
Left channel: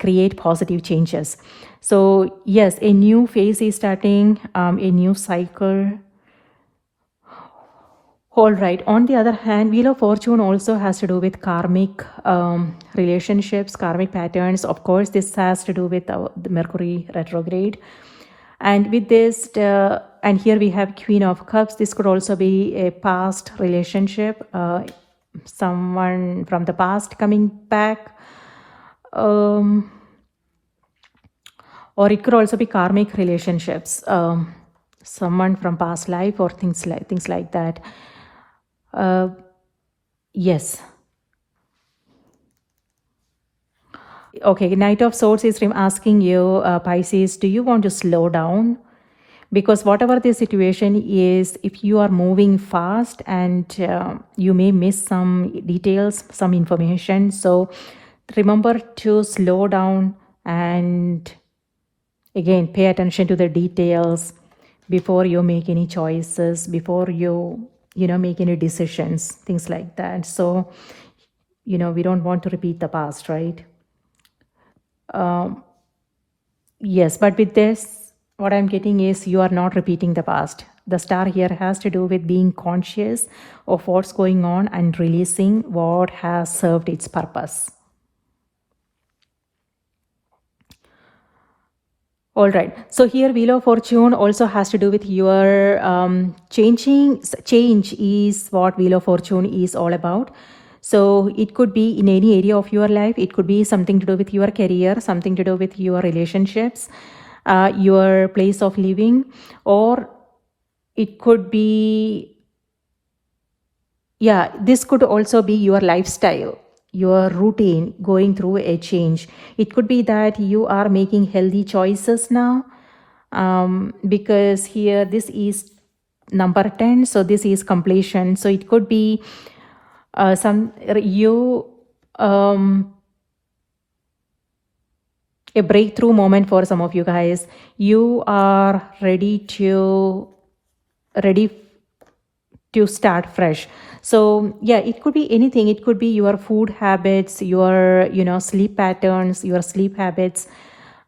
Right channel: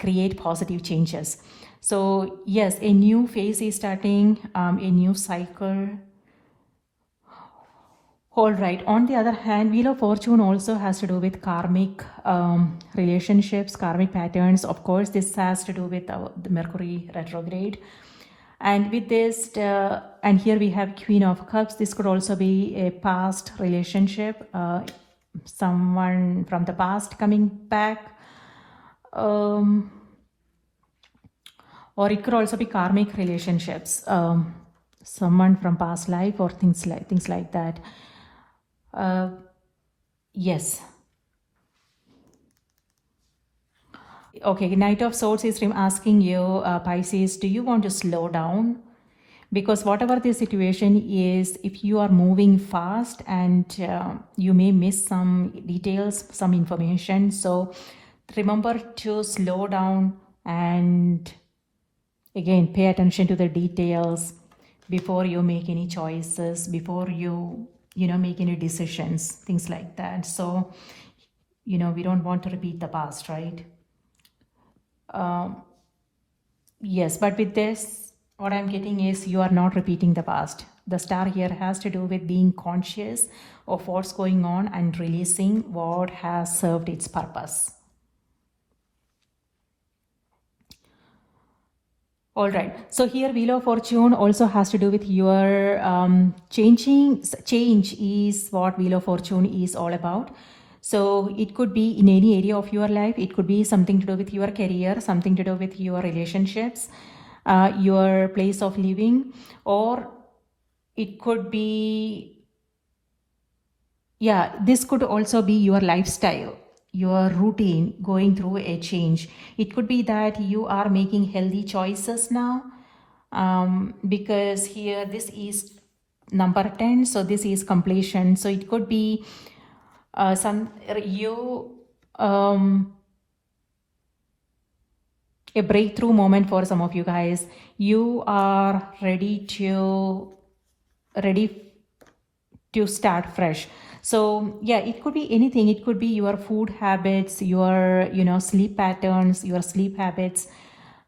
create positive changes. So yes, a new phase is starting, a new cycle. All right. On the other hand, Wheel of Fortune also has to do with karmic relationships, karmic patterns. Of course, this has to do with the Mercury retrograde. And with this, and here we have Queen of Cups. This could also be a past relationship, someone from the past coming back. Or it could also be karmic relationships, someone from past life, or things like that. Yes. Okay, Knight of Swords is asking you, Pisces, do you want to slow down? Because whatever the situation is, if you are moving fast, and you may miss some details, some information. So remember to slow down, and again, pay attention to the details before you make any choices, before you make any decisions, things like that. So, we don't want to repeat the past, right? Yes, but with this, what I'm getting is you are not repeating the past. The star here has to do with being conscious of what's going on and releasing what has served its purpose. All right. So here Wheel of Fortune also has to do with your change is what Wheel of Fortune is all about. So it could be in any area of your life. It could be something to do with your career, something to do with your relationships, your place of living, or it could be, this could also be your lifestyle, your routine, going through a change. It could be that you are making healthy choices now, because here this is number 10, so this is completion. So it could be a breakthrough moment for some of you guys. You are ready to start fresh. So it could be anything. It could be your food habits, your sleep patterns, your sleep habits,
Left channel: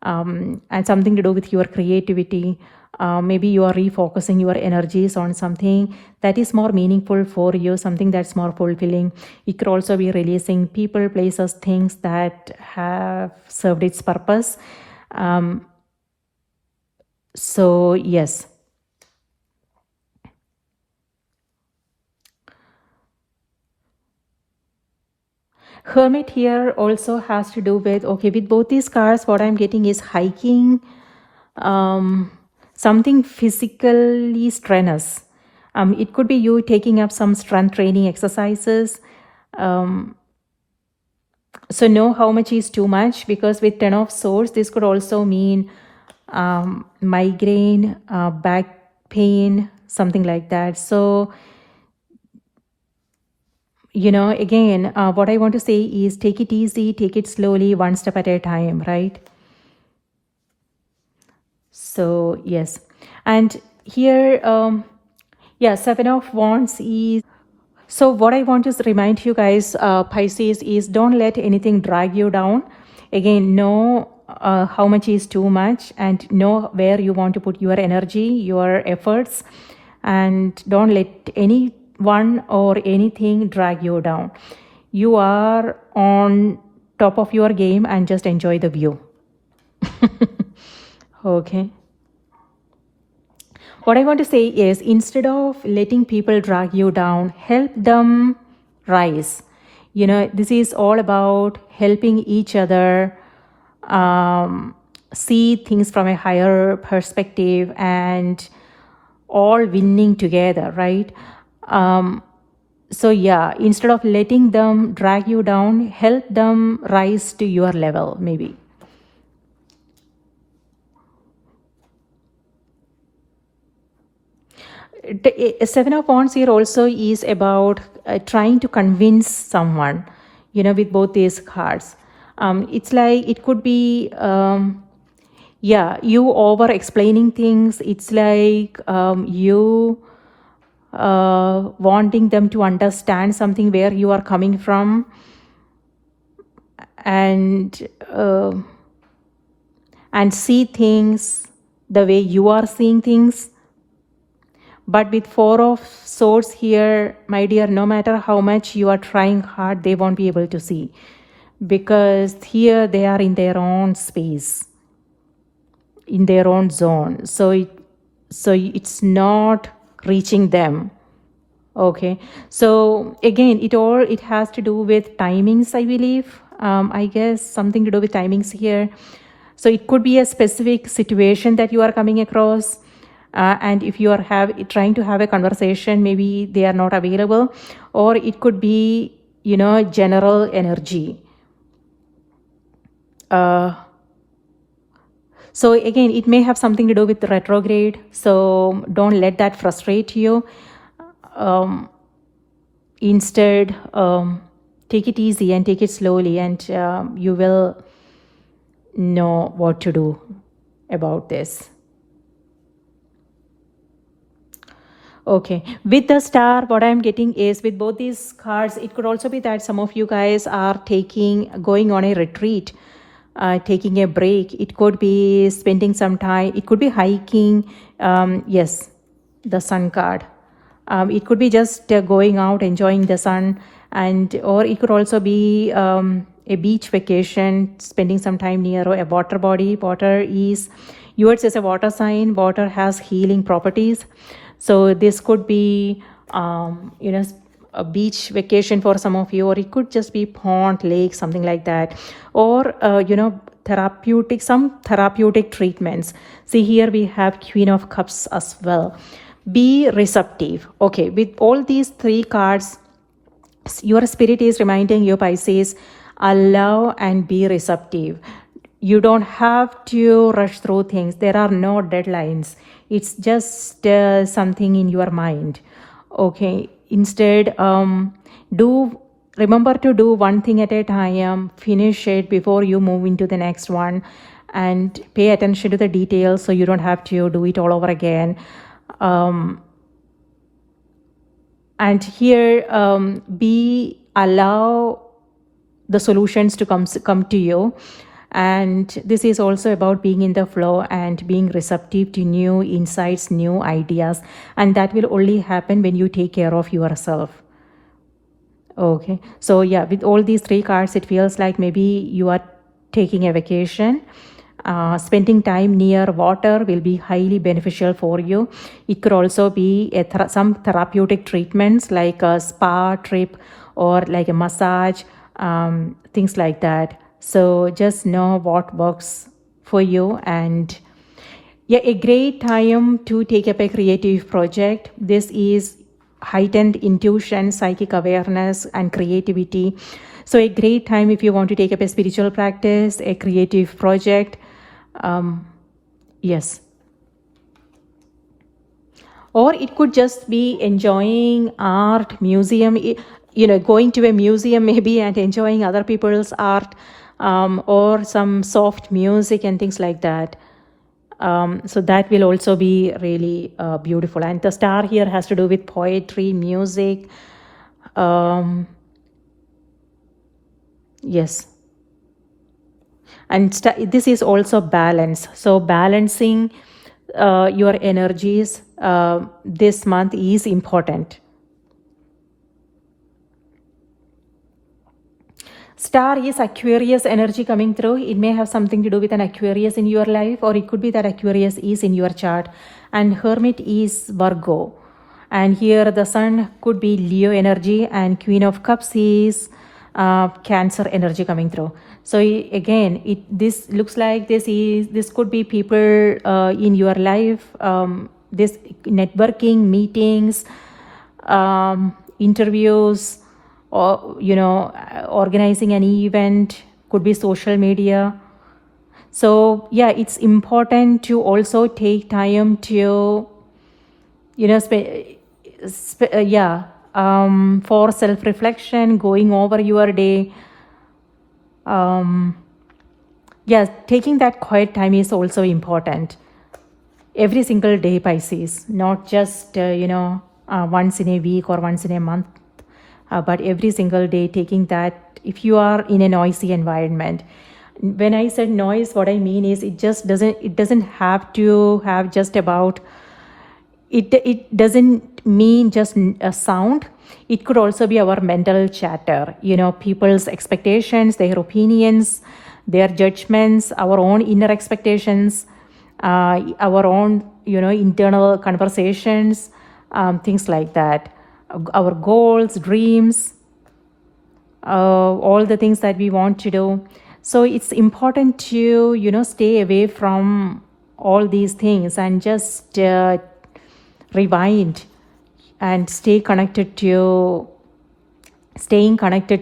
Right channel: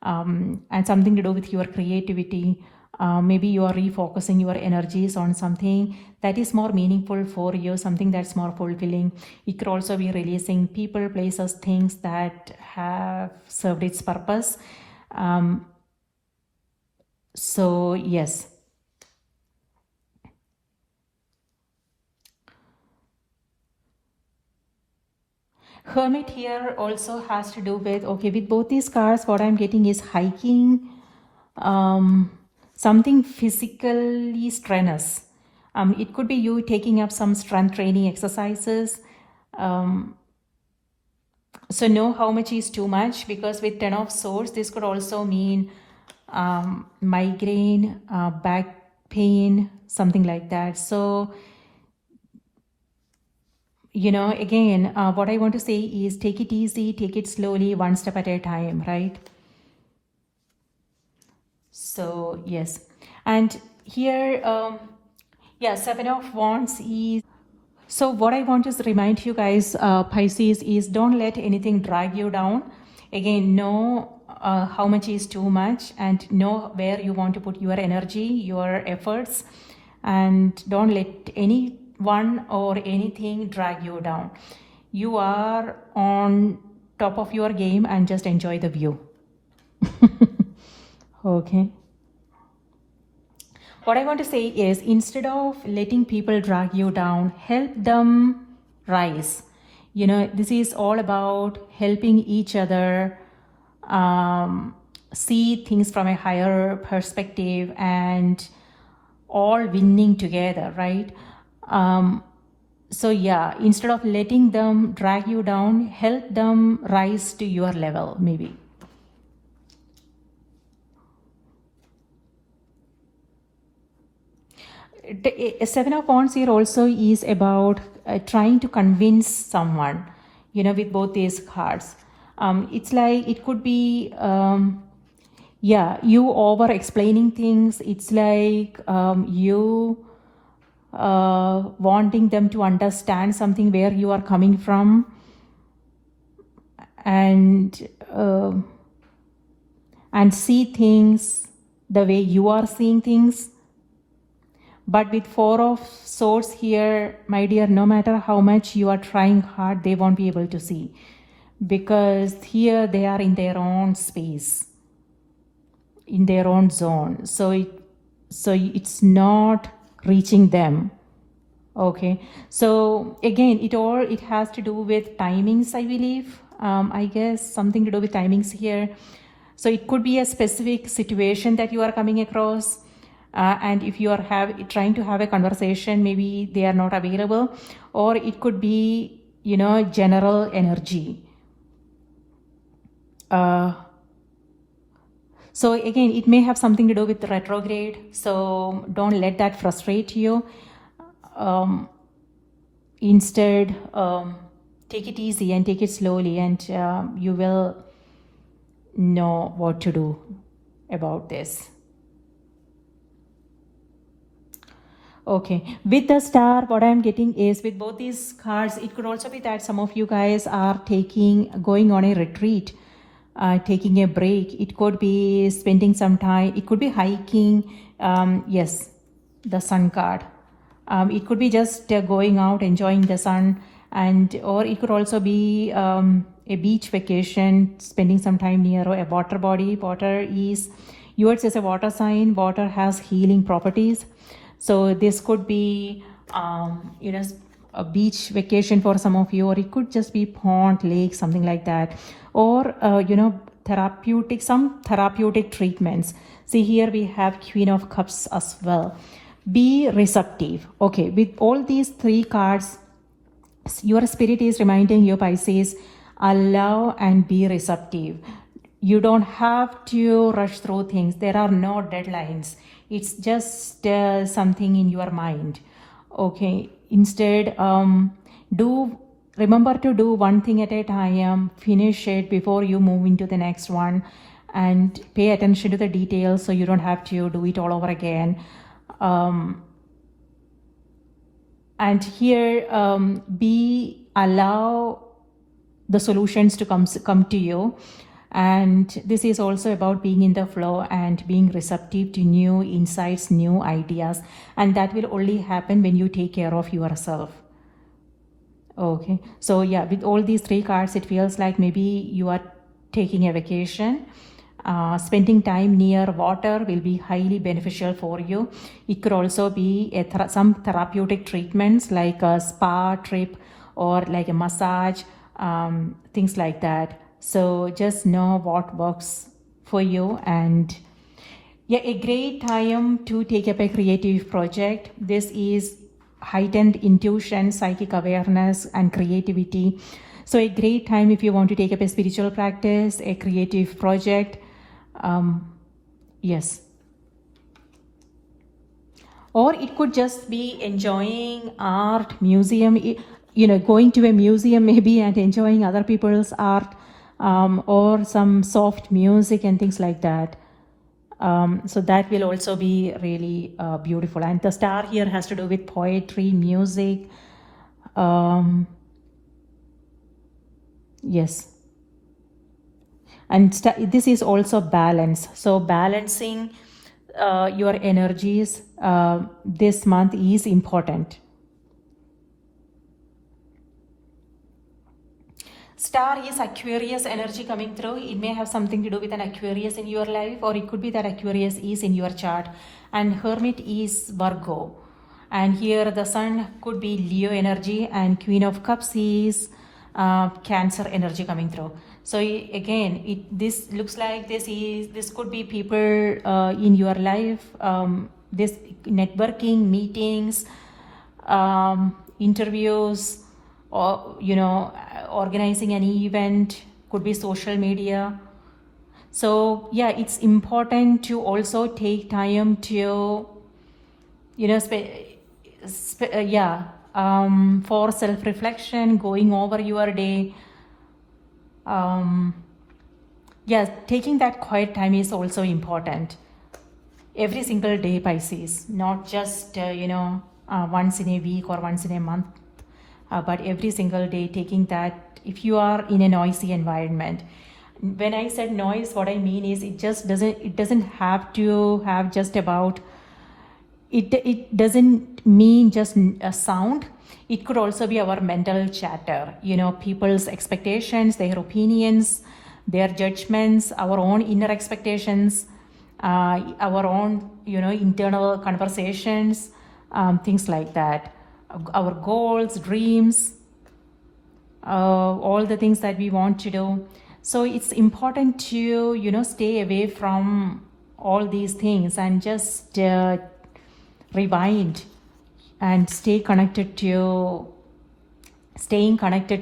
and something to do with your creativity. Maybe you are refocusing your energies on something that is more meaningful for you, something that's more fulfilling. It could also be releasing people, places, things that have served its purpose. So yes. Hermit here also has to do with, with both these cards, what I'm getting is hiking, something physically strenuous. It could be you taking up some strength training exercises. So know how much is too much, because with 10 of Swords, this could also mean migraine, back pain, something like that. So, again, what I want to say is take it easy, take it slowly, one step at a time, right? So, yes. And here, Seven of Wands is... So what I want to remind you guys, Pisces, is don't let anything drag you down. Again, know how much is too much, and know where you want to put your energy, your efforts, and don't let anyone or anything drag you down. You are on top of your game, and just enjoy the view. Okay. What I want to say is, instead of letting people drag you down, help them rise. This is all about helping each other see things from a higher perspective, and all winning together, right? So yeah, instead of letting them drag you down, help them rise to your level, maybe. Seven of Wands here also is about trying to convince someone, with both these cards. It's like it could be, you over explaining things. It's like you wanting them to understand something where you are coming from, and see things the way you are seeing things. But with Four of Swords here, my dear, no matter how much you are trying hard, they won't be able to see, because here they are in their own space, in their own zone. So it's not reaching them. Okay, so again, it has to do with timings, I believe. I guess something to do with timings here. So it could be a specific situation that you are coming across, and if you are trying to have a conversation, maybe they are not available, or it could be, general energy. So again, it may have something to do with retrograde, so don't let that frustrate you. Instead, take it easy and take it slowly, and you will know what to do about this. Okay, with the Star, what I'm getting is, with both these cards, it could also be that some of you guys are going on a retreat, taking a break. It could be spending some time. It could be hiking. Yes, the Sun card. It could be just going out, enjoying the sun, or it could also be a beach vacation, spending some time near a water body. Yours is a water sign. Water has healing properties. So this could be, a beach vacation for some of you, or it could just be pond, lake, something like that, or some therapeutic treatments. See, here we have Queen of Cups as well. Be receptive. Okay, with all these three cards, your spirit is reminding you, Pisces, allow and be receptive. You don't have to rush through things. There are no deadlines. It's just something in your mind. Okay, instead, remember to do one thing at a time, finish it before you move into the next one, and pay attention to the details so you don't have to do it all over again. And here, allow the solutions to come to you. And this is also about being in the flow and being receptive to new insights, new ideas. And that will only happen when you take care of yourself. Okay, so yeah, with all these three cards, it feels like maybe you are taking a vacation. Spending time near water will be highly beneficial for you. It could also be some therapeutic treatments like a spa trip or like a massage, things like that. So just know what works for you. And yeah, a great time to take up a creative project. This is heightened intuition, psychic awareness, and creativity. So a great time if you want to take up a spiritual practice, a creative project. Yes. Or it could just be enjoying art, museum, going to a museum maybe and enjoying other people's art, or some soft music and things like that. So that will also be really beautiful. And the Star here has to do with poetry, music. Yes. And this is also balance. So balancing your energies this month is important. Star is Aquarius energy coming through. It may have something to do with an Aquarius in your life, or it could be that Aquarius is in your chart. And Hermit is Virgo. And here the Sun could be Leo energy, and Queen of Cups is Cancer energy coming through. So again, this looks like this could be people in your life, this networking, meetings, interviews, or organizing an event, could be social media. So yeah, it's important to also take time to for self-reflection, going over your day. Taking that quiet time is also important. Every single day, Pisces, not just once in a week or once in a month, but every single day, taking that. If you are in a noisy environment, when I said noise, what I mean is it doesn't have to have just about it doesn't mean just a sound. It could also be our mental chatter, people's expectations, their opinions, their judgments, our own inner expectations, our own internal conversations, things like that, our goals, dreams, all the things that we want to do. So it's important to stay away from all these things and just rewind and staying connected to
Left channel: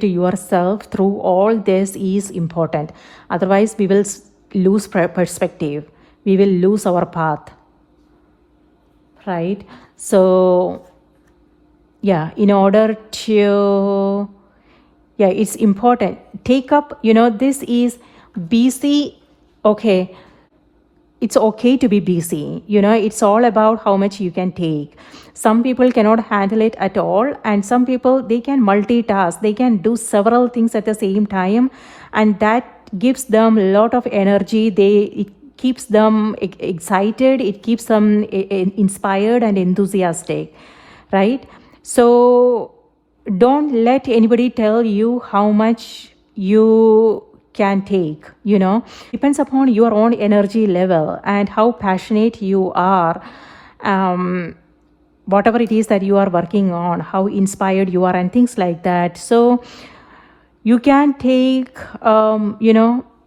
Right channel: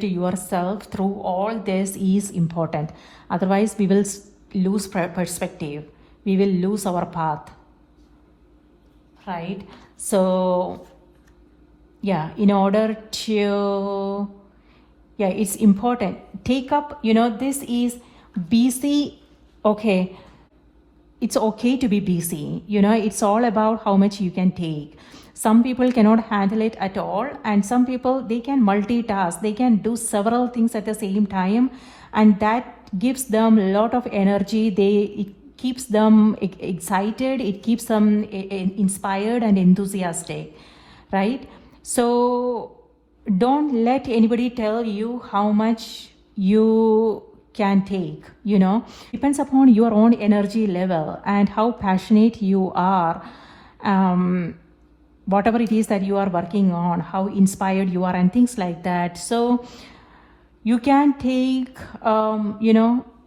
yourself through all this is important. Otherwise we will lose perspective, we will lose our path, right? So in order to it's important, take up, this is busy. Okay, it's okay to be busy. It's all about how much you can take. Some people cannot handle it at all, and some people, they can multitask, they can do several things at the same time, and that gives them a lot of energy. It keeps them excited, it keeps them inspired and enthusiastic, right? So don't let anybody tell you how much you can take. Depends upon your own energy level and how passionate you are, whatever it is that you are working on, how inspired you are, and things like that. So you can take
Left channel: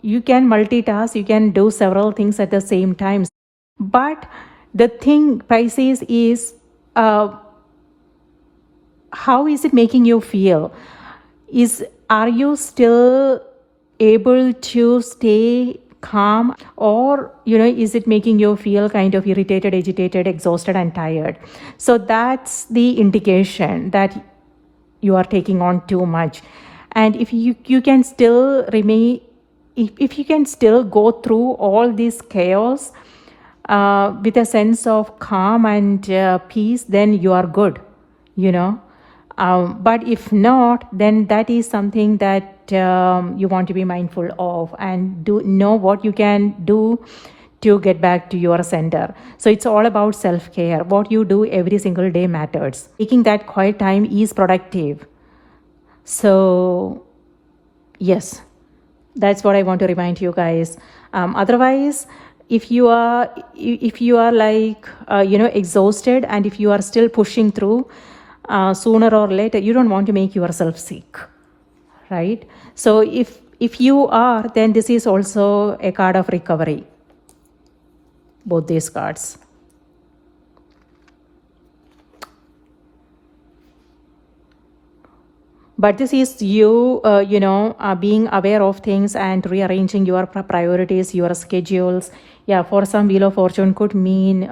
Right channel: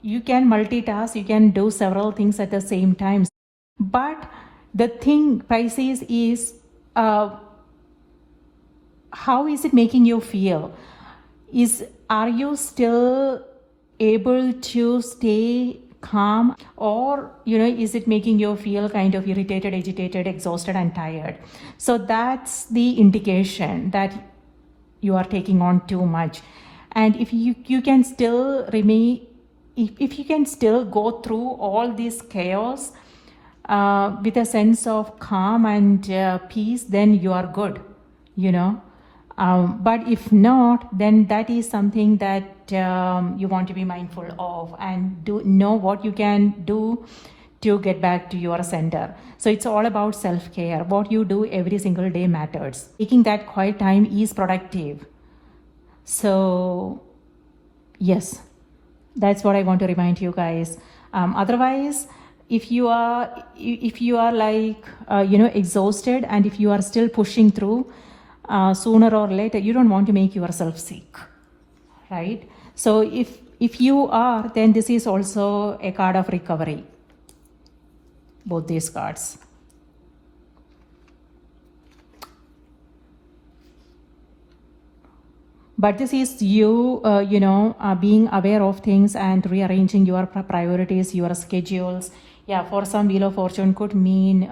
you can multitask, you can do several things at the same time. But the thing, Pisces, is how is it making you feel? Are you still able to stay calm, or is it making you feel kind of irritated, agitated, exhausted, and tired? So that's the indication that you are taking on too much. And if you can still remain, if you can still go through all this chaos with a sense of calm and peace, then you are good. But if not, then that is something that you want to be mindful of, and know what you can do to get back to your center. So it's all about self-care. What you do every single day matters. Taking that quiet time is productive. So yes, that's what I want to remind you guys. Otherwise, if you are like exhausted, and if you are still pushing through, sooner or later you don't want to make yourself sick, right? So if you are, then this is also a card of recovery, both these cards. But this is you being aware of things and rearranging your priorities, your schedules. For some, Wheel of Fortune could mean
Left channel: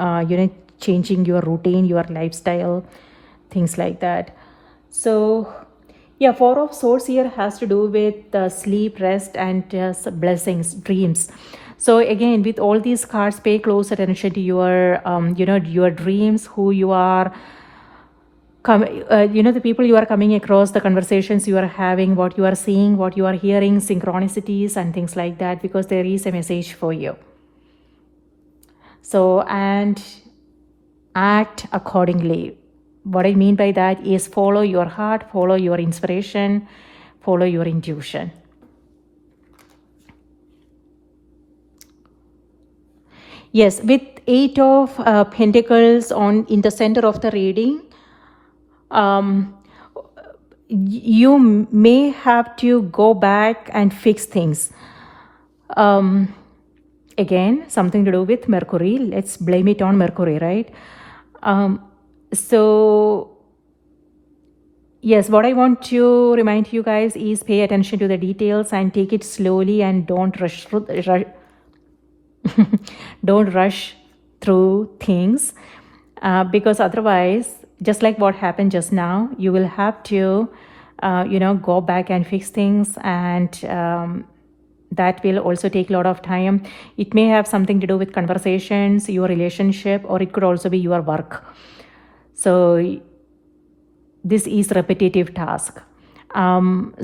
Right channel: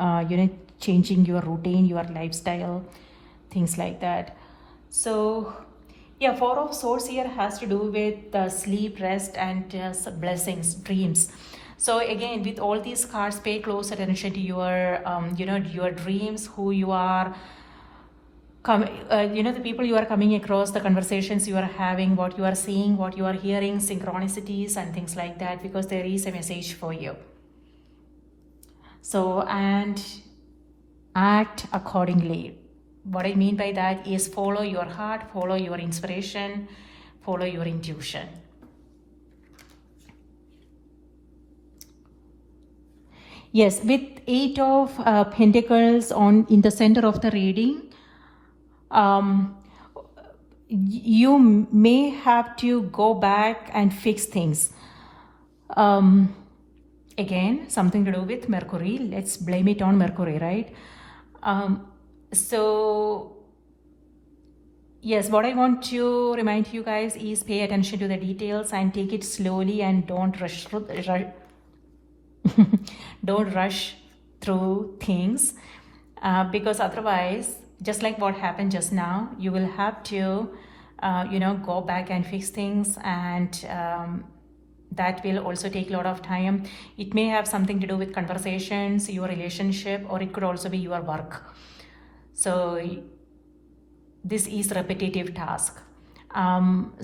changing your routine, your lifestyle, things like that. So Four of Swords here has to do with sleep, rest, and blessings, dreams. So again, with all these cards, pay close attention to your your dreams, who you are, the people you are coming across, the conversations you are having, what you are seeing, what you are hearing, synchronicities and things like that, because there is a message for you. So, and act accordingly. What I mean by that is follow your heart, follow your inspiration, follow your intuition. Yes, with 8 of Pentacles in the center of the reading, you may have to go back and fix things. Again, something to do with Mercury. Let's blame it on Mercury, right? So Yes, what I want to remind you guys is pay attention to the details and take it slowly, and don't rush through, don't rush through things, because otherwise, just like what happened just now, you will have to go back and fix things, and that will also take a lot of time. It may have something to do with conversations, your relationship, or it could also be your work. So this is repetitive task. But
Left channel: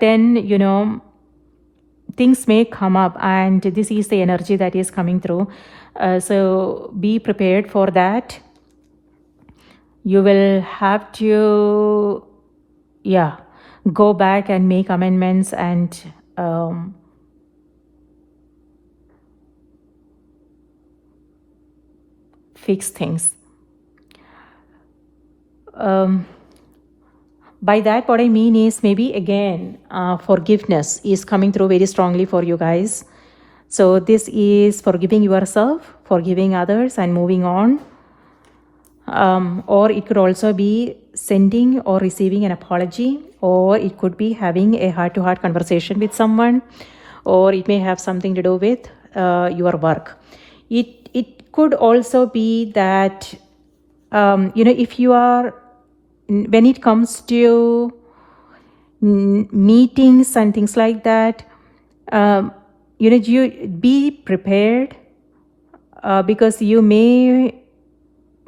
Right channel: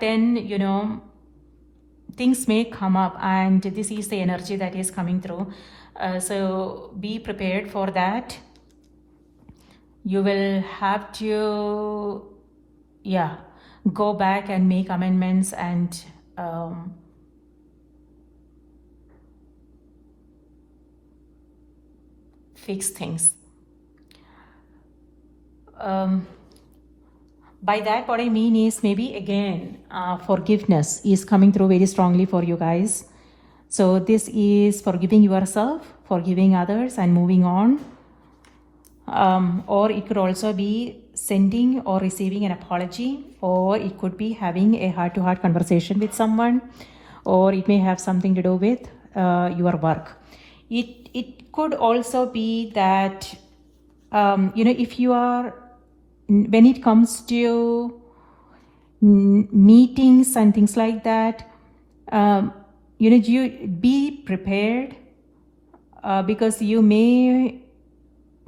then things may come up, and this is the energy that is coming through. So be prepared for that. You will have to go back and make amendments and fix things. By that, what I mean is, maybe again, forgiveness is coming through very strongly for you guys. So this is forgiving yourself, forgiving others, and moving on. Or it could also be sending or receiving an apology, or it could be having a heart-to-heart conversation with someone, or it may have something to do with your work. It could also be that if you are, when it comes to meetings and things like that, you be prepared, because you may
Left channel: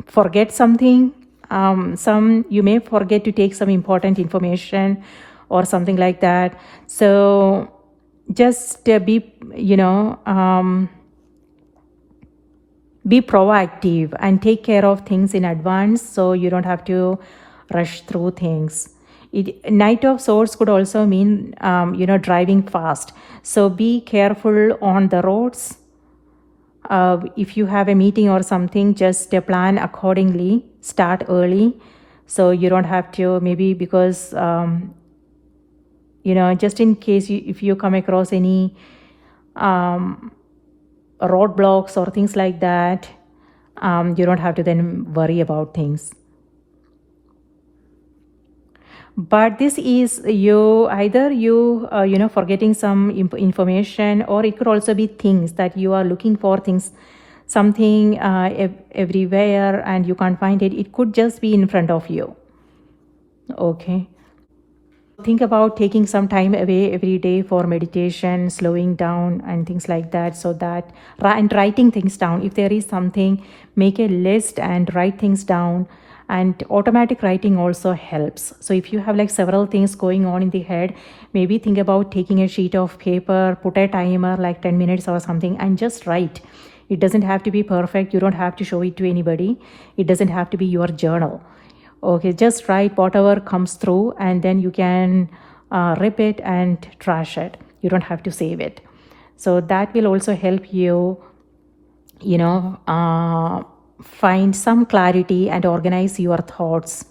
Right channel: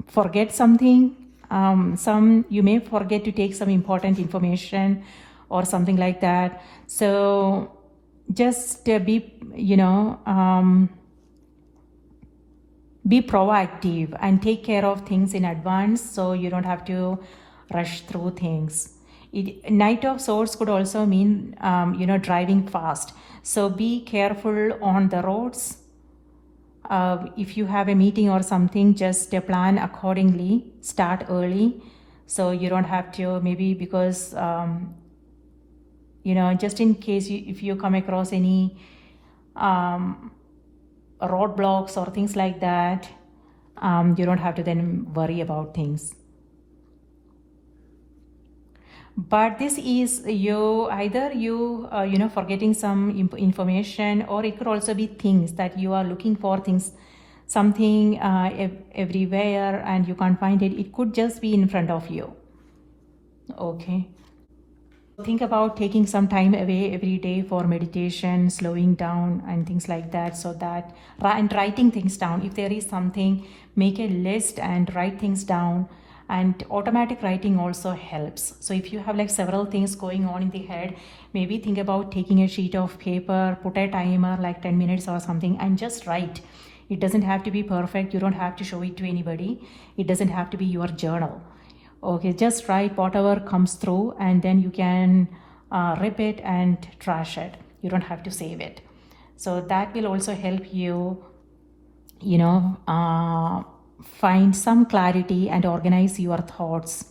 forget something. You may forget to take some important information or something like that. So just be proactive and take care of things in advance, so you don't have to rush through things. Knight of Swords could also mean driving fast. So be careful on the roads. If you have a meeting or something, just plan accordingly. Start early, so you don't have to, maybe because just in case if you come across any roadblocks or things like that, you don't have to then worry about things. But this is either forgetting some information, or it could also be things that you are looking for, something everywhere, and you can't find it. It could just be in front of you. Okay. Think about taking some time away every day for meditation, slowing down and things like that, and writing things down. If there is something, make a list and write things down. And automatic writing also helps. So if you have like several things going on in the head, maybe think about taking a sheet of paper, put a timer like 10 minutes or something, and just write. It doesn't have to be perfect. You don't have to show it to anybody. It doesn't have to be your journal. Okay, just write whatever comes through, and then you can rip it and trash it. You don't have to save it. So that will also help you, find some clarity and organize your thoughts.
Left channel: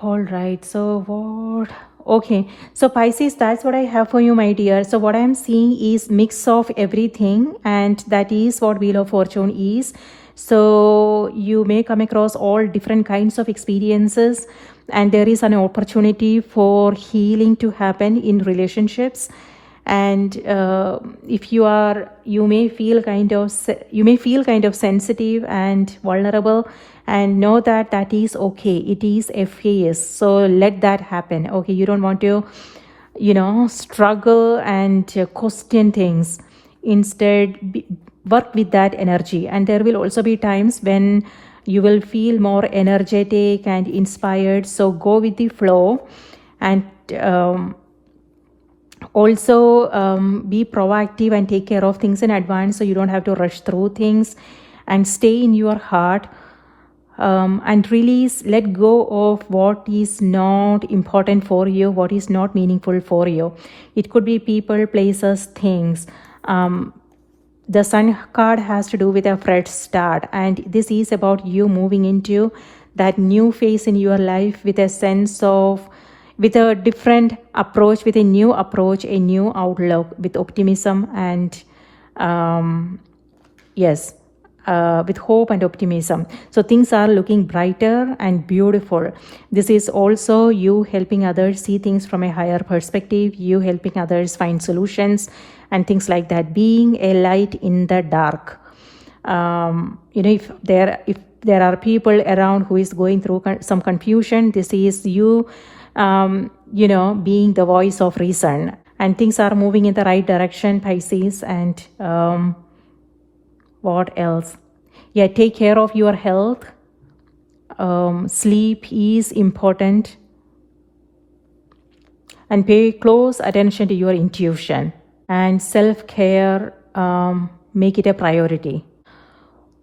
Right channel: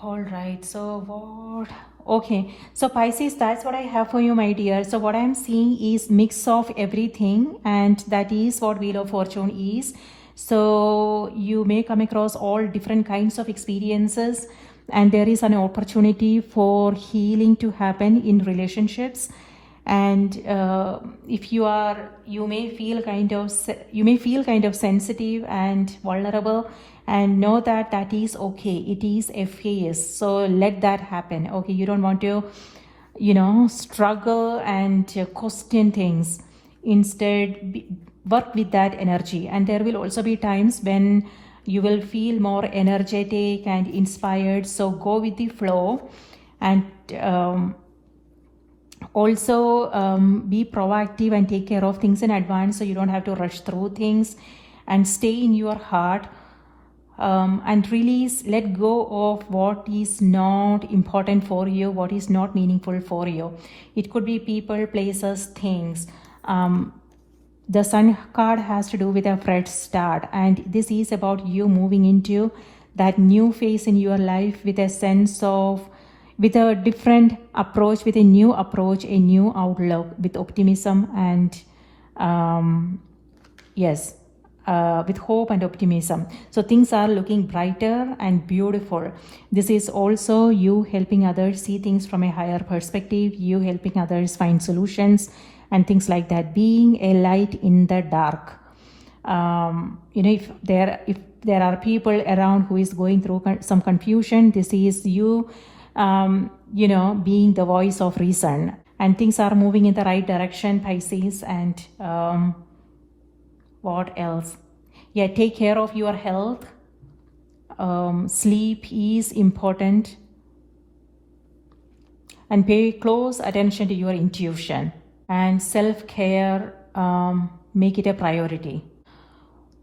All right, so what? Okay, so Pisces, that's what I have for you, my dear. So what I'm seeing is mix of everything, and that is what Wheel of Fortune is. So you may come across all different kinds of experiences, and there is an opportunity for healing to happen in relationships. And if you may feel kind of sensitive and vulnerable, and know that is okay. It is a phase, so let that happen. Okay, you don't want to struggle and question things. Instead, work with that energy. And there will also be times when you will feel more energetic and inspired, so go with the flow. And also be proactive and take care of things in advance, so you don't have to rush through things. And stay in your heart, and release, let go of what is not important for you, what is not meaningful for you. It could be people, places, things. The Sun card has to do with a fresh start, and this is about you moving into that new phase in your life with a sense of, with a different approach, with a new approach, a new outlook, with optimism and yes, with hope and optimism. So things are looking brighter and beautiful. This is also you helping others see things from a higher perspective, you helping others find solutions and things like that, being a light in the dark. If there are people around who is going through some confusion, this is you being the voice of reason, and things are moving in the right direction, Pisces. And what else? Yeah, take care of your health. Sleep is important, and pay close attention to your intuition, and self-care, make it a priority.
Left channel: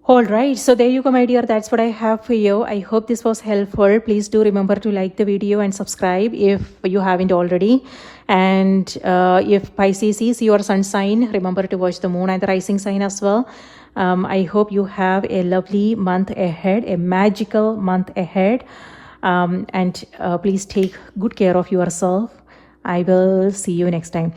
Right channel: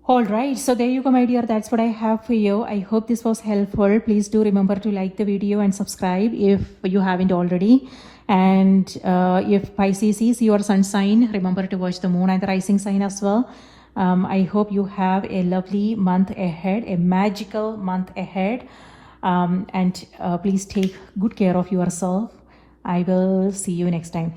All right, so there you go, my dear. That's what I have for you. I hope this was helpful. Please do remember to like the video and subscribe if you haven't already. And if Pisces is your sun sign, remember to watch the moon and the rising sign as well. I hope you have a lovely month ahead, a magical month ahead. And please take good care of yourself. I will see you next time.